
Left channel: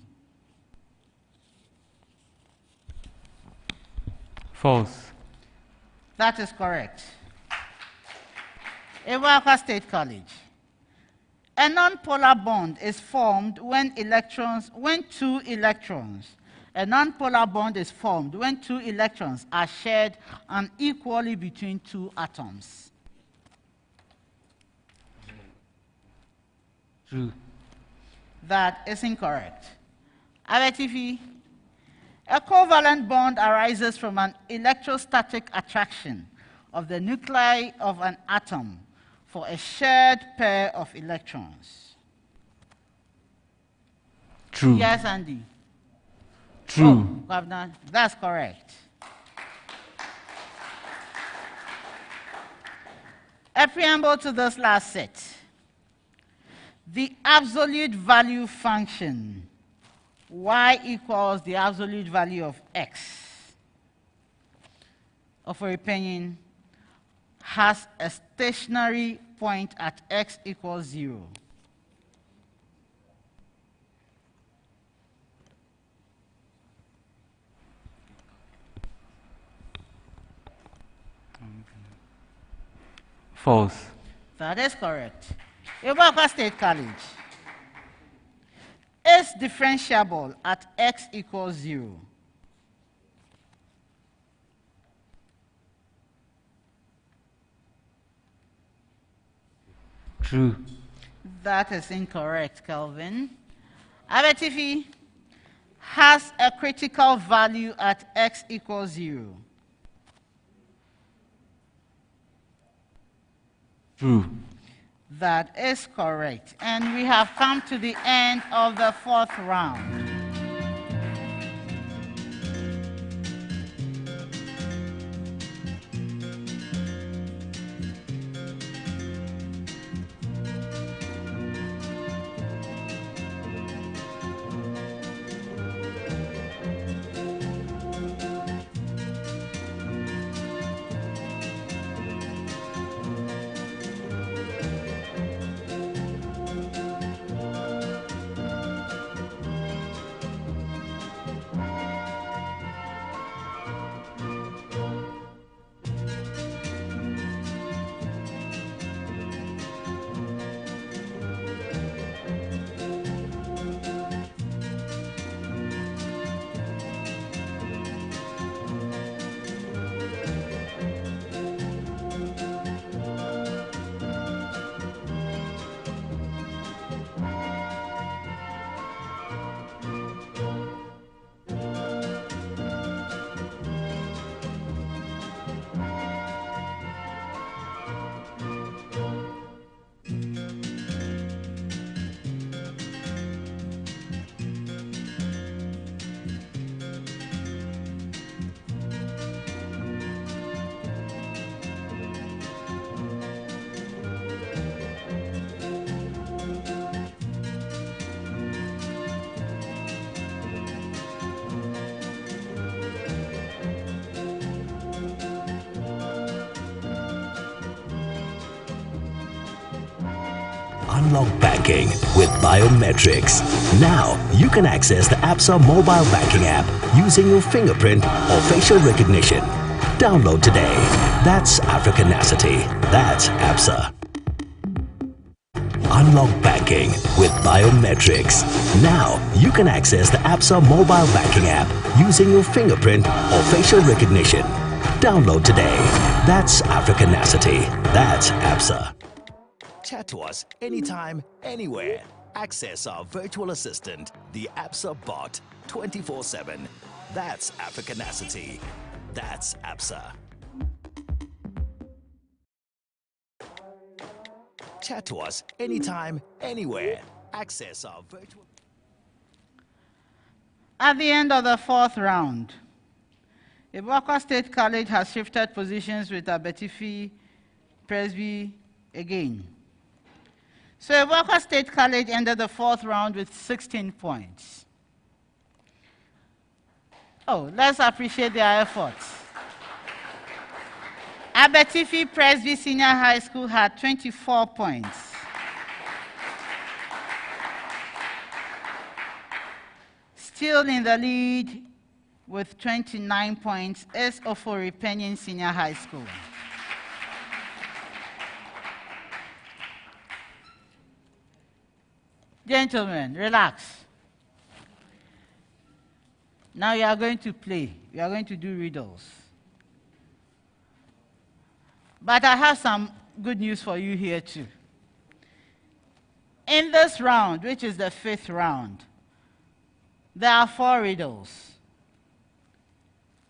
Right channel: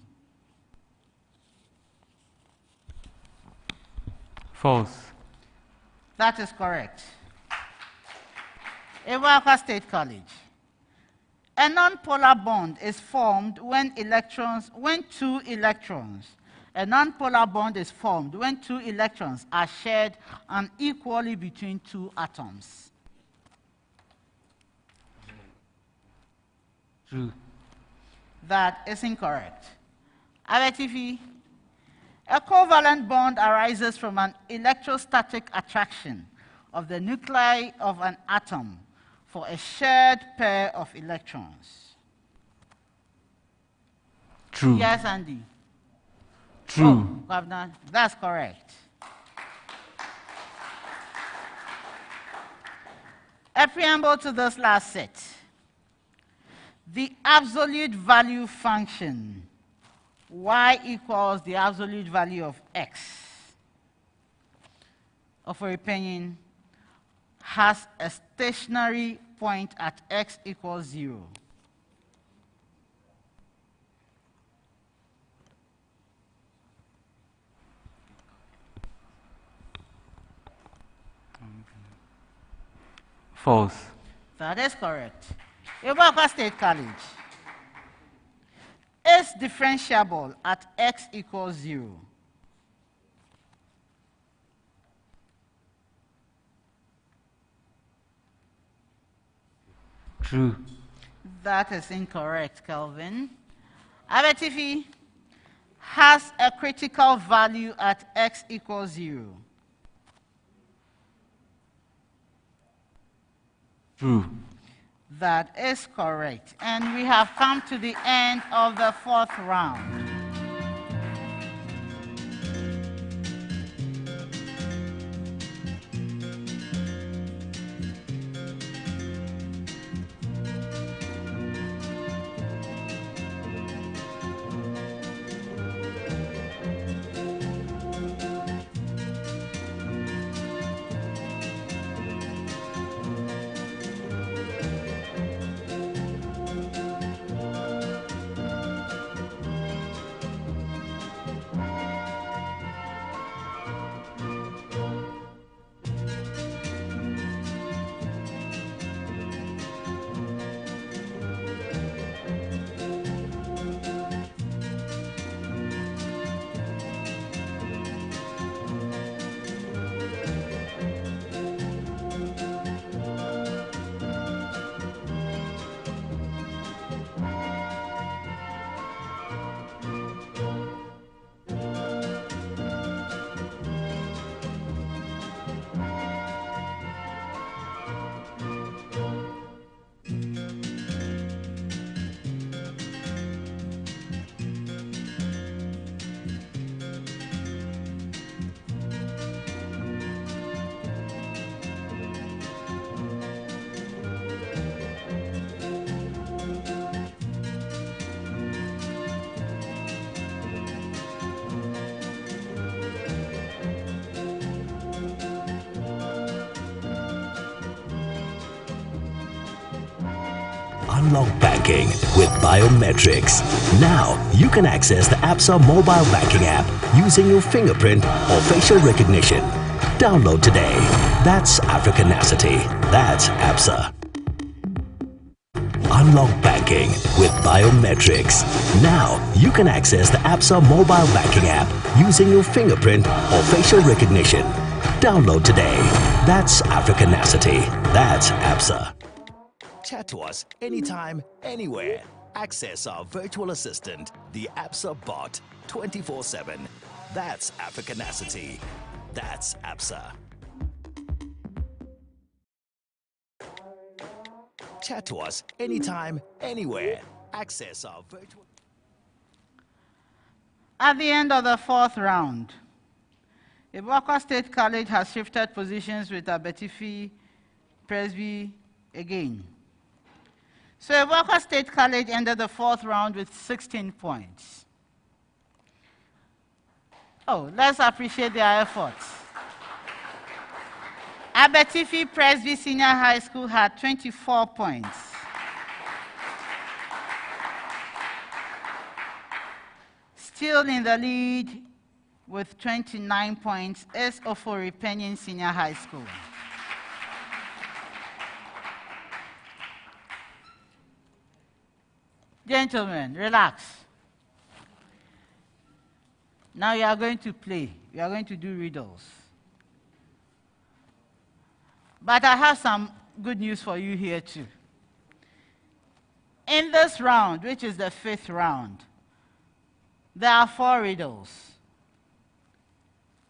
False. That is correct. ABUAKWA State College. A nonpolar bond is formed when two electrons are shared unequally between two atoms. True. That is incorrect. ABETIFI. A covalent bond arises from an electrostatic attraction of the nuclei of an atom for a shared pair of electrons. True. Yes, Andy. True. Governor, that's correct. A preamble to this last set. The absolute value function, y equals the absolute value of x, OFORI PANIN, has a stationary point at x equals 0. False. That is correct. ABUAKWA State College is differentiable at x equals 0. True. That is incorrect, Kelvin. ABETIFI has a critical value at x equals 0. True. That is correct. And we have come to the end of the 4th round. Unlock banking with biometrics. Now you can access the ABSA mobile banking app using your fingerprint or facial recognition. Download today. That's Africanacity. That's ABSA. Unlock banking with biometrics. Now you can access the ABSA mobile banking app using your fingerprint or facial recognition. Download today. That's Africanacity. That's ABSA. Chat to us anytime, anywhere. Access our virtual assistant, the ABSA bot, 24/7. That's Africanacity. That's ABSA. Chat to us anytime, anywhere. Access our virtual... At the end of the fourth round, ABUAKWA State College has shifted positions with ABETIFI PRESBY again. So ABUAKWA State College ended the fourth round with 16 points. Oh, let's appreciate their efforts. ABETIFI PRESBY Senior High School had 24 points. Still in the lead with 29 points is OFORI PANIN Senior High School. Gentlemen, relax. Now you are going to play. We are going to do riddles. But I have some good news for you here too. In this round, which is the fifth round, there are 4 riddles.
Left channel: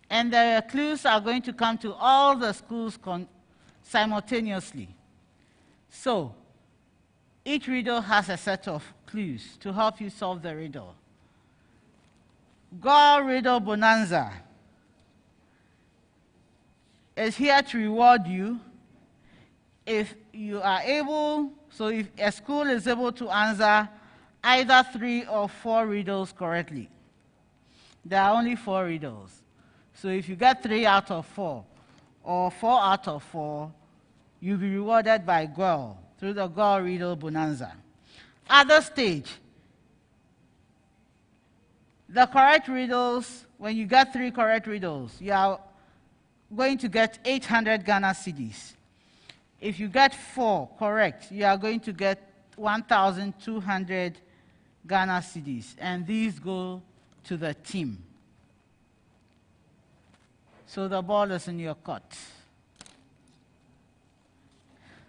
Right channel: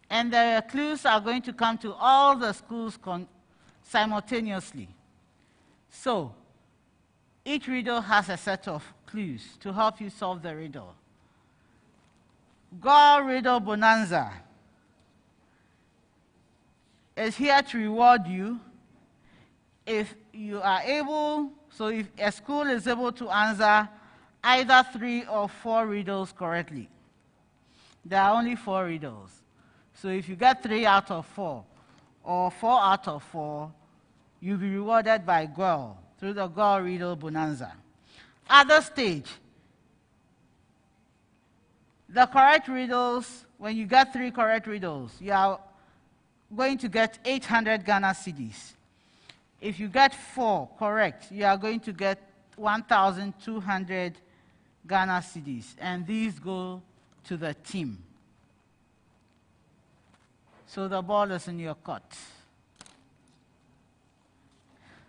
And the clues are going to come to all the schools simultaneously. So, each riddle has a set of clues to help you solve the riddle. Go Riddle Bonanza is here to reward you if you are able, so if a school is able to answer either 3 or 4 riddles correctly. There are only 4 riddles. So if you get 3 out of 4 or 4 out of 4, you'll be rewarded by GOL through the GOL Riddle Bonanza. At this stage, the correct riddles, when you get 3 correct riddles, you are going to get 800 Ghana cedis. If you get 4 correct, you are going to get 1,200 Ghana cedis, and these go to the team. So the ball is in your court.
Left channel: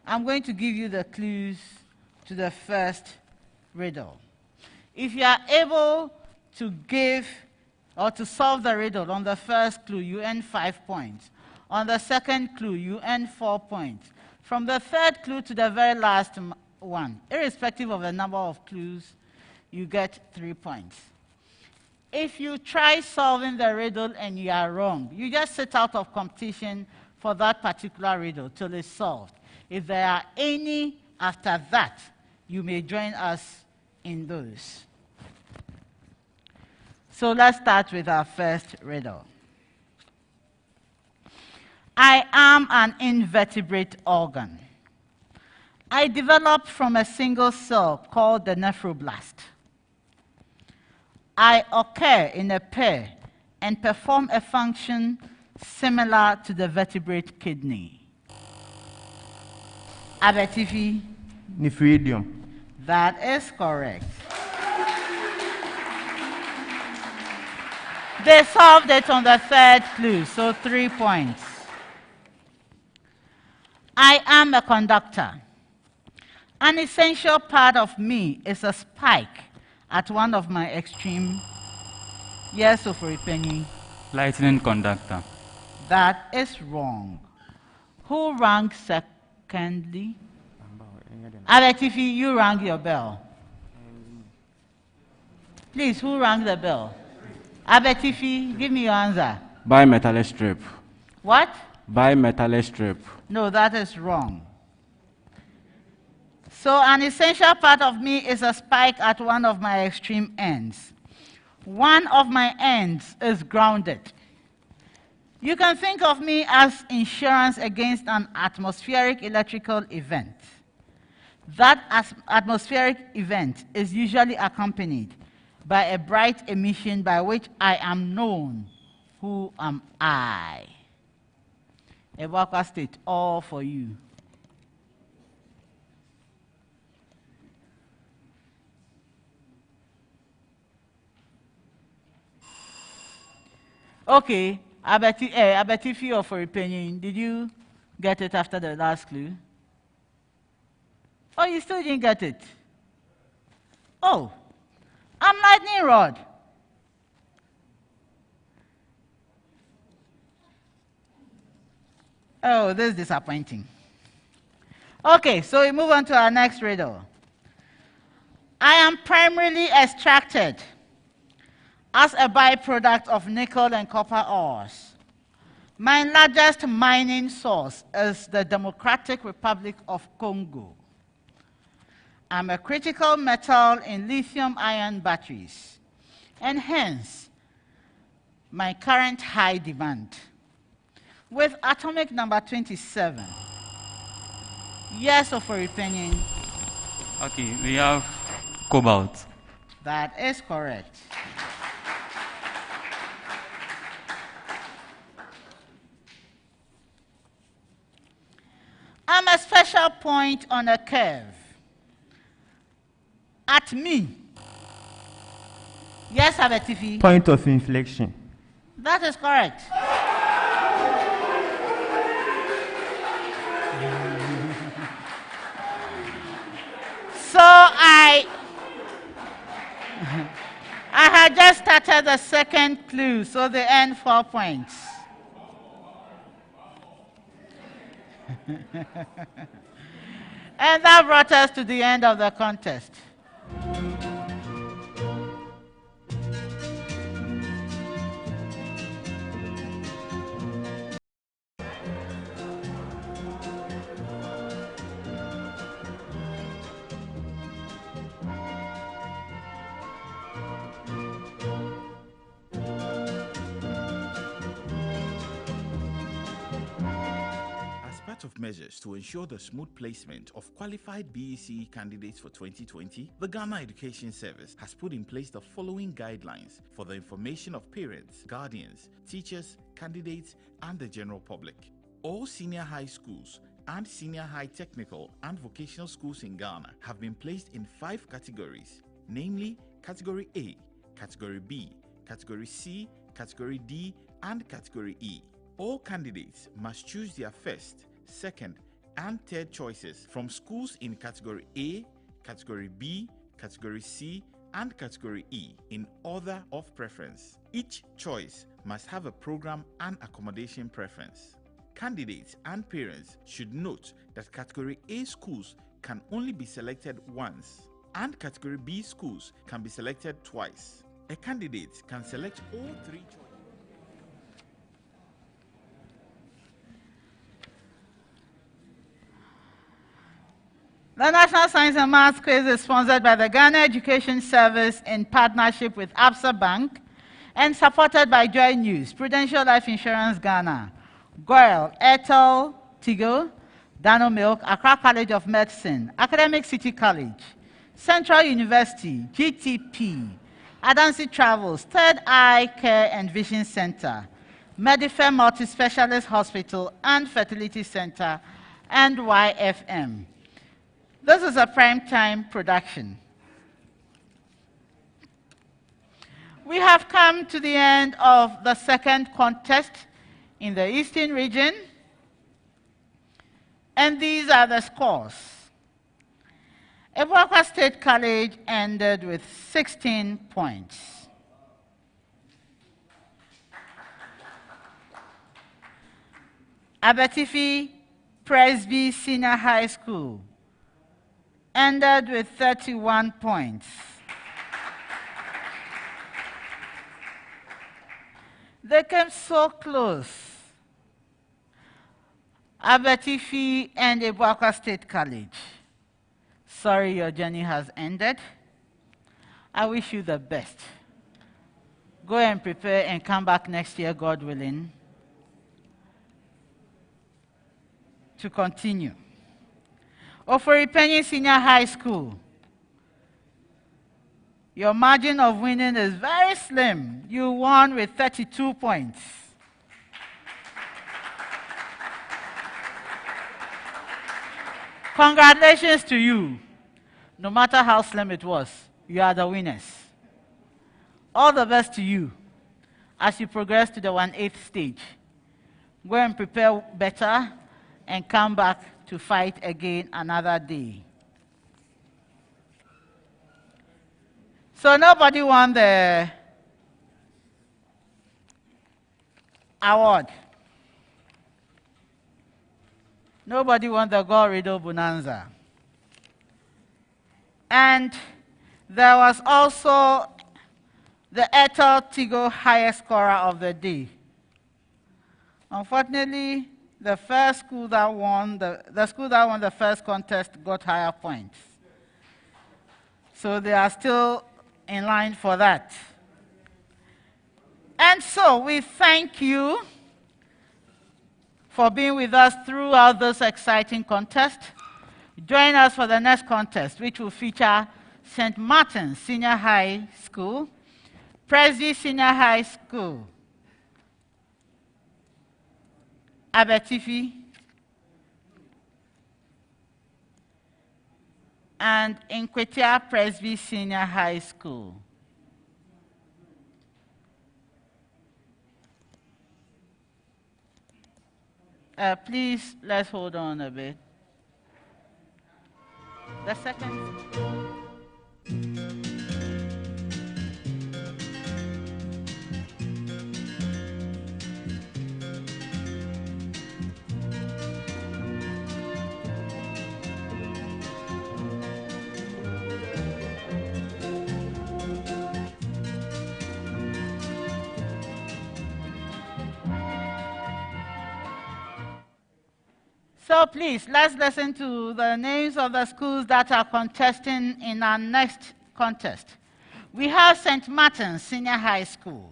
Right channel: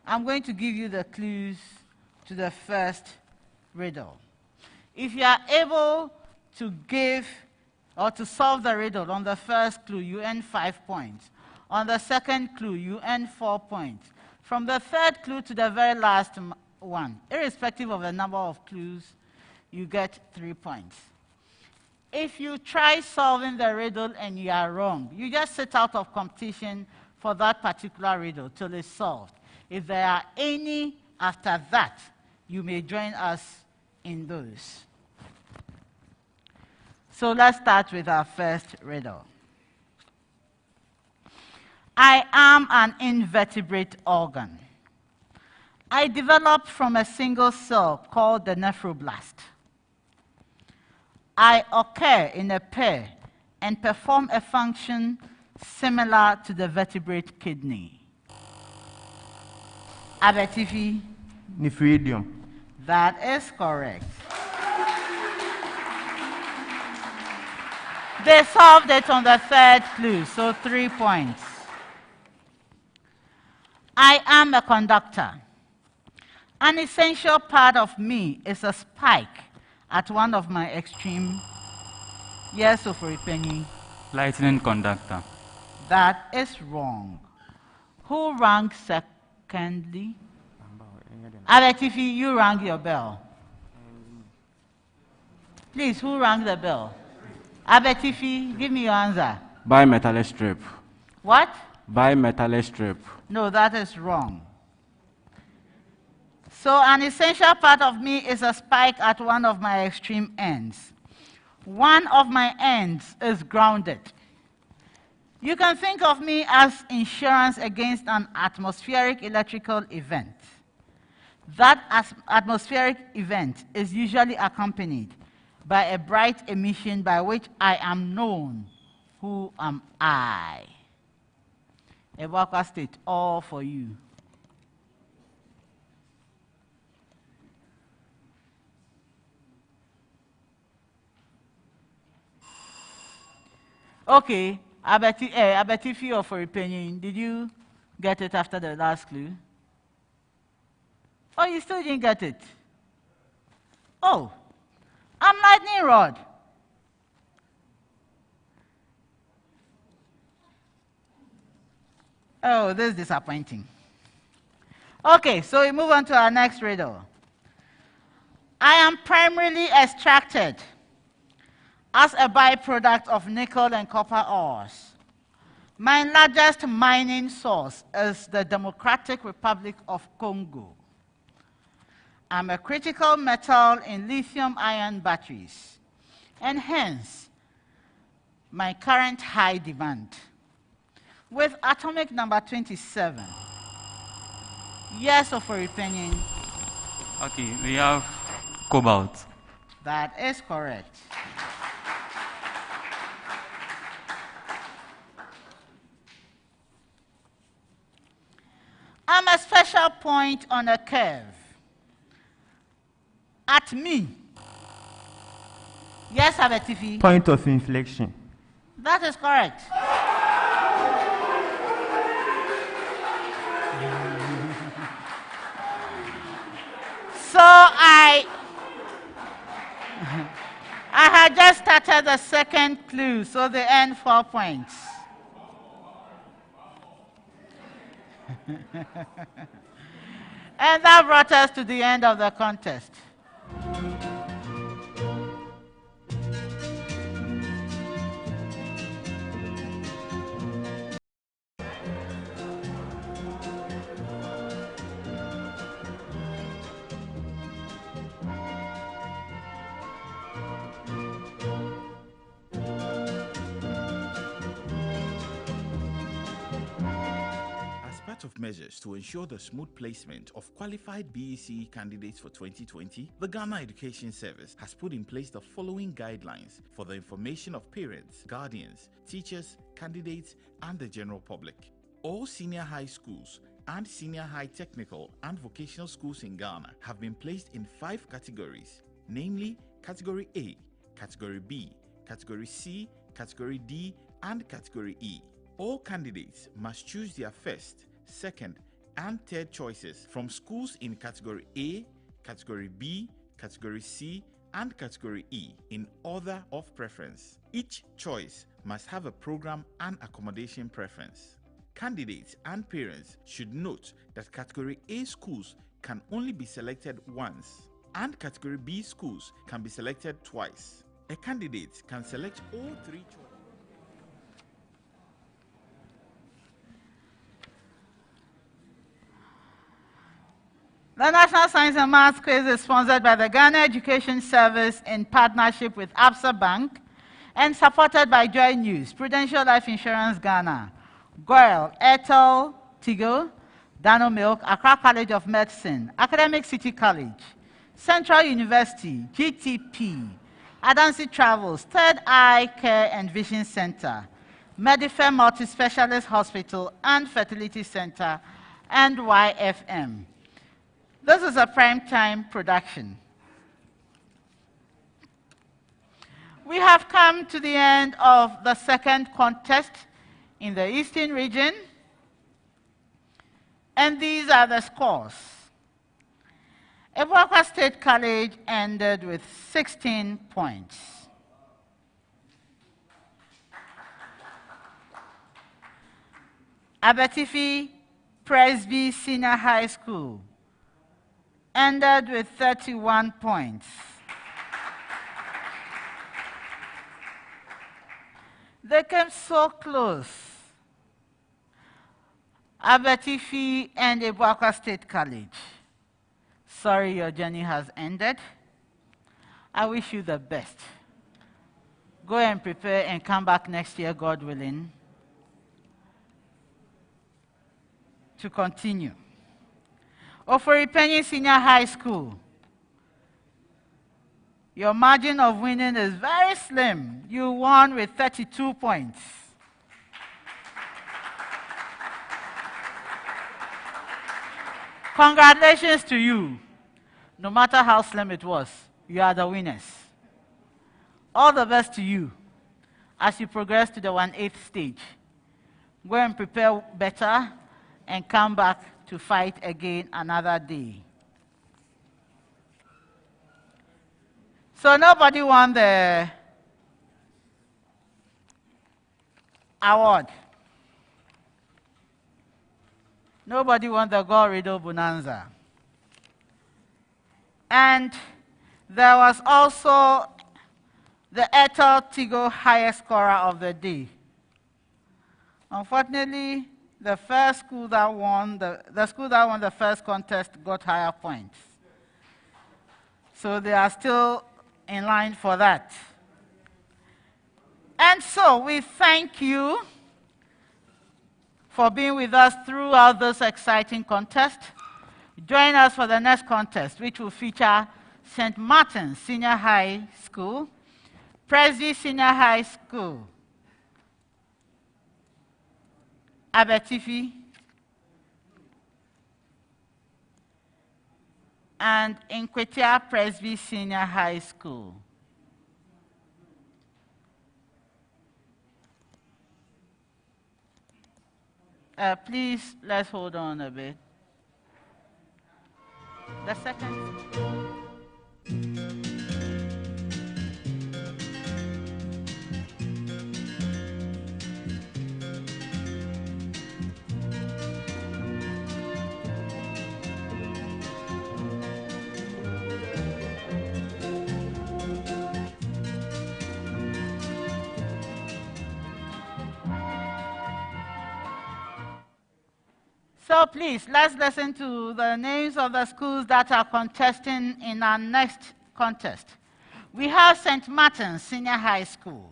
I'm going to give you the clues to the first riddle. If you are able to give or to solve the riddle on the first clue, you earn 5 points. On the second clue, you earn 4 points. From the third clue to the very last one, irrespective of the number of clues, you get 3 points. If you try solving the riddle and you are wrong, you just sit out of competition for that particular riddle till it's solved. If there are any after that, you may join us in those. So let's start with our first riddle. I am an invertebrate organ. I developed from a single cell called the nephroblast. I occur in a pair and perform a function similar to the vertebrate kidney. ABETIFI? Nephridium. That is correct. They solved it on the third clue, so 3 points. I am a conductor. An essential part of me is a spike at one of my extreme... Yes, OFORI PANIN. Lightning conductor. That is wrong. Who rang secondly? ABETIFI, you rang your bell. Please, who rang the bell? ABETIFI, give me your answer. Bimetallic strip. What? Bimetallic strip. No, that is wrong. So an essential part of me is a spike at one of my extreme ends. One of my ends is grounded. You can think of me as insurance against an atmospheric electrical event. That atmospheric event is usually accompanied by a bright emission by which I am known. Who am I? ABUAKWA State, all for you. Okay, ABETIFI OFORI PANIN, did you get it after the last clue? Oh, you still didn't get it? Oh, I'm lightning rod. Oh, this is disappointing. Okay, so we move on to our next riddle. I am primarily extracted as a byproduct of nickel and copper ores. My largest mining source is the Democratic Republic of Congo. I'm a critical metal in lithium-ion batteries, and hence my current high demand. With atomic number 27. Yes, OFORI PANIN. Okay, we have cobalt. That is correct. I'm a special point on a curve. At me. Yes, ABETIFI. Point of inflection. That is correct. So I had just started the second clue, so they earn 4 points. And that brought us to the end of the contest. Of measures to ensure the smooth placement of qualified BECE candidates for 2020, the Ghana Education Service has put in place the following guidelines for the information of parents, guardians, teachers, candidates, and the general public. All senior high schools and senior high technical and vocational schools in Ghana have been placed in 5 categories, namely Category A, Category B, Category C, Category D, and Category E. All candidates must choose their first, second, and third choices from schools in Category A, Category B, Category C, and Category E in order of preference. Each choice must have a program and accommodation preference. Candidates and parents should note that Category A schools can only be selected once, and Category B schools can be selected twice. A candidate can select all 3 choices. The National Science and Maths Quiz is sponsored by the Ghana Education Service in partnership with Absa Bank and supported by Joy News, Prudential Life Insurance Ghana, GOIL, Airtel, Tigo, Dano Milk, Accra College of Medicine, Academic City College, Central University, GTP, Adansi Travels, Third Eye Care and Vision Center, Medifair Multi-Specialist Hospital and Fertility Center, and YFM. This is a prime-time production. We have come to the end of the second contest in the Eastern region, and these are the scores. ABUAKWA State College ended with 16 points. ABETIFI Presby Senior High School ended with 31 points. They came so close. ABETIFI and ABUAKWA State College. Sorry, your journey has ended. I wish you the best. Go and prepare and come back next year, God willing, to continue. OFORI Panin Senior High School. Your margin of winning is very slim. You won with 32 points. Congratulations to you. No matter how slim it was, you are the winners. All the best to you as you progress to the 1/8 stage. Go and prepare better and come back to fight again another day. So nobody won the award. Nobody won the Gold Riddle Bonanza. And there was also the Airtel Tigo highest scorer of the day. Unfortunately, the first school that won the school that won the first contest got higher points. So they are still in line for that. And so we thank you for being with us throughout this exciting contest. Join us for the next contest, which will feature St. Martin's Senior High School, Presby Senior High School, ABETIFI, and Nkwetia Presby Senior High School. Please, let's hold on a bit. The second. So please, let's listen to the names of the schools that are contesting in our next contest. We have St. Martin's Senior High School,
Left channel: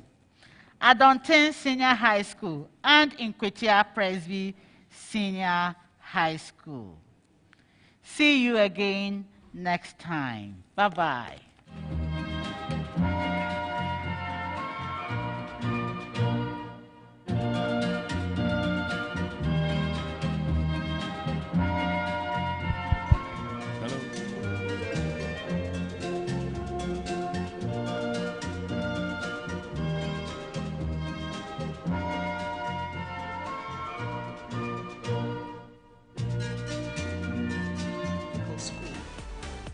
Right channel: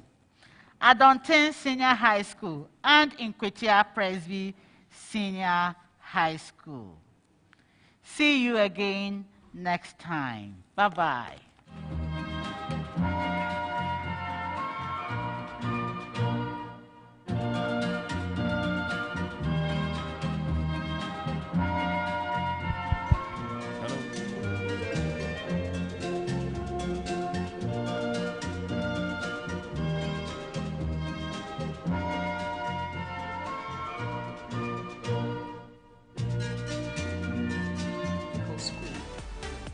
Adontin Senior High School, and Nkwetia Presby Senior High School. See you again next time. Bye-bye.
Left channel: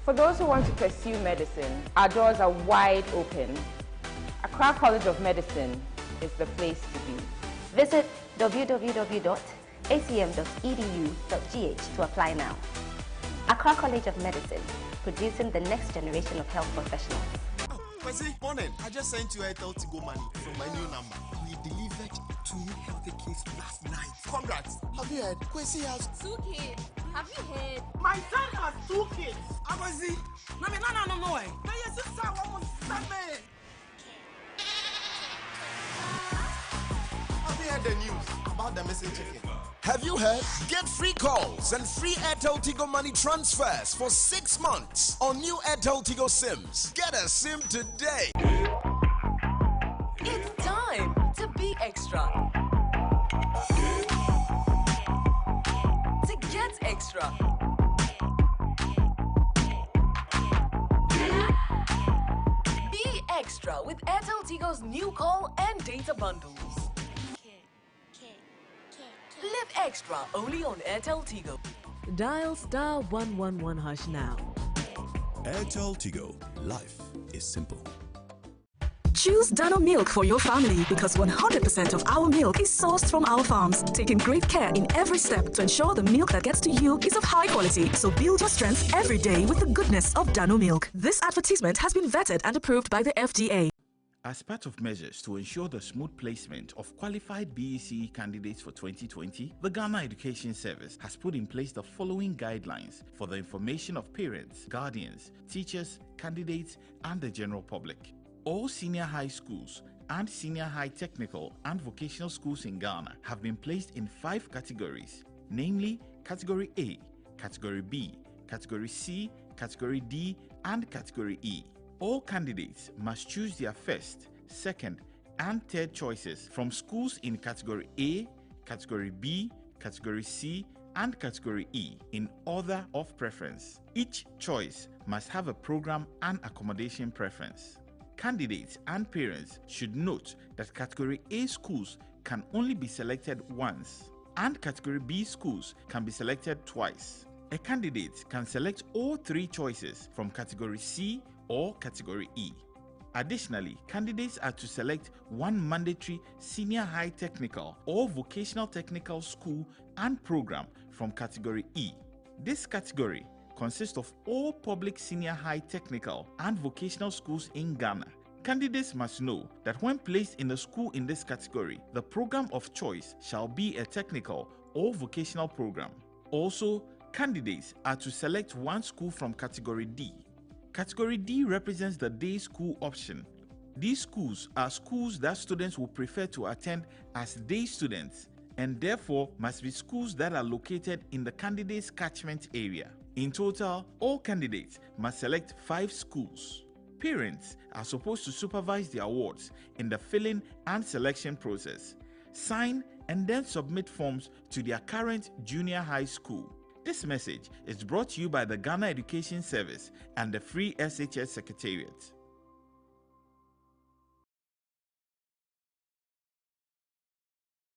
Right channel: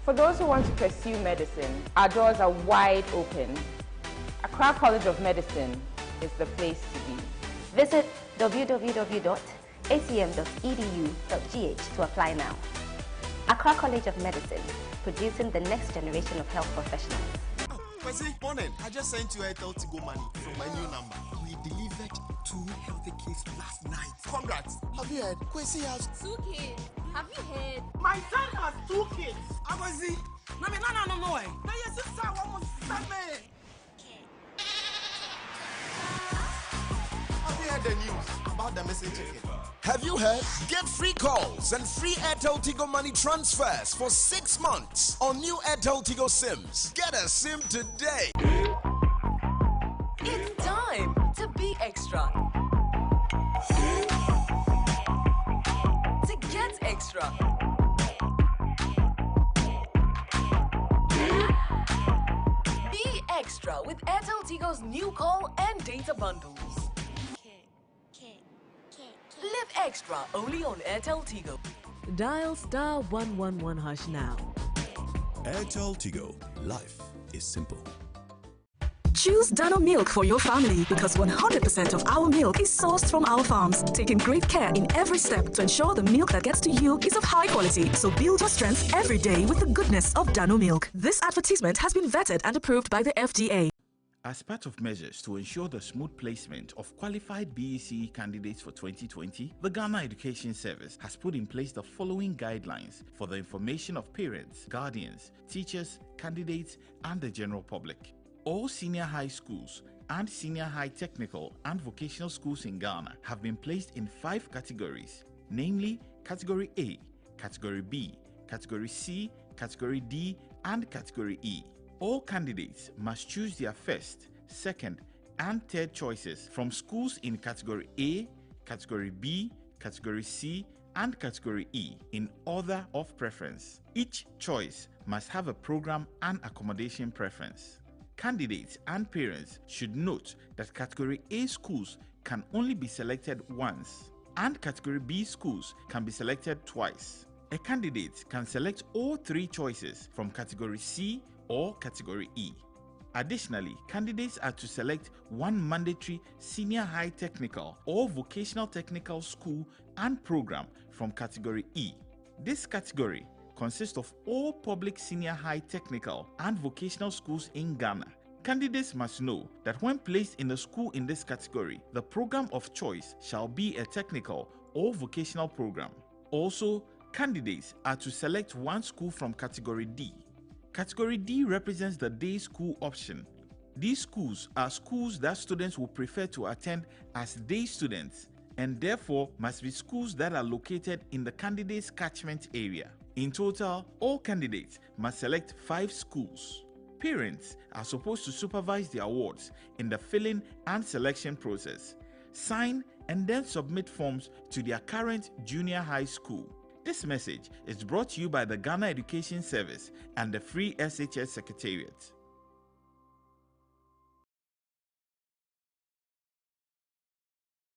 For those who want to pursue medicine, our doors are wide open. Accra College of Medicine is the place to be. Visit www.acm.edu.gh to apply now. Accra College of Medicine, producing the next generation of health professionals. Kwesi, morning. I just sent you Airtel to go money from my new number. We delivered 2 healthy kids last night. Congrats. Have you heard? Kwesi has 2 kids. Have you heard? My son has 2 kids. Abazi. No. My sister almost 7. Have you heard the news about the missing chicken? Have you heard? Get free calls and free Airtel Tigo money transfers for 6 months on new Airtel Tigo SIMs. Get a SIM today. It's time to be extra. To get extra. Be extra with Airtel Tigo's new call and data bundles. Live extra only on Airtel Tigo. Dial *111# now. Airtel Tigo. Life is simple. Choose Dano Milk for your family because 100% of our milk is sourced from our farms, taking great care in every step to ensure the milk that gets to you is of high quality. So build your strength every day with the goodness of Dano Milk. This advertisement has been vetted and approved by the FDA. As part of measures to ensure the smooth placement of qualified BEC candidates for 2020, the Ghana Education Service has put in place the following guidelines for the information of parents, guardians, teachers, candidates, and the general public. All senior high schools and senior high technical and vocational schools in Ghana have been placed in 5 categories, namely Category A, Category B, Category C, Category D, and Category E. All candidates must choose their first, second, and third choices from schools in Category A, Category B, Category C, and Category E in order of preference. Each choice must have a program and accommodation preference. Candidates and parents should note that Category A schools can only be selected once, and Category B schools can be selected twice. A candidate can select all three choices from Category C or Category E. Additionally, candidates are to select one mandatory senior high technical or vocational technical school and program from Category E. This category consists of all public senior high technical and vocational schools in Ghana. Candidates must know that when placed in a school in this category, the program of choice shall be a technical or vocational program. Also, candidates are to select one school from Category D. Category D represents the day school option. These schools are schools that students will prefer to attend as day students and therefore must be schools that are located in the candidate's catchment area. In total, all candidates must select 5 schools. Parents are supposed to supervise the awards in the filling and selection process, sign and then submit forms to their current junior high school. This message is brought to you by the Ghana Education Service and the Free SHS Secretariat.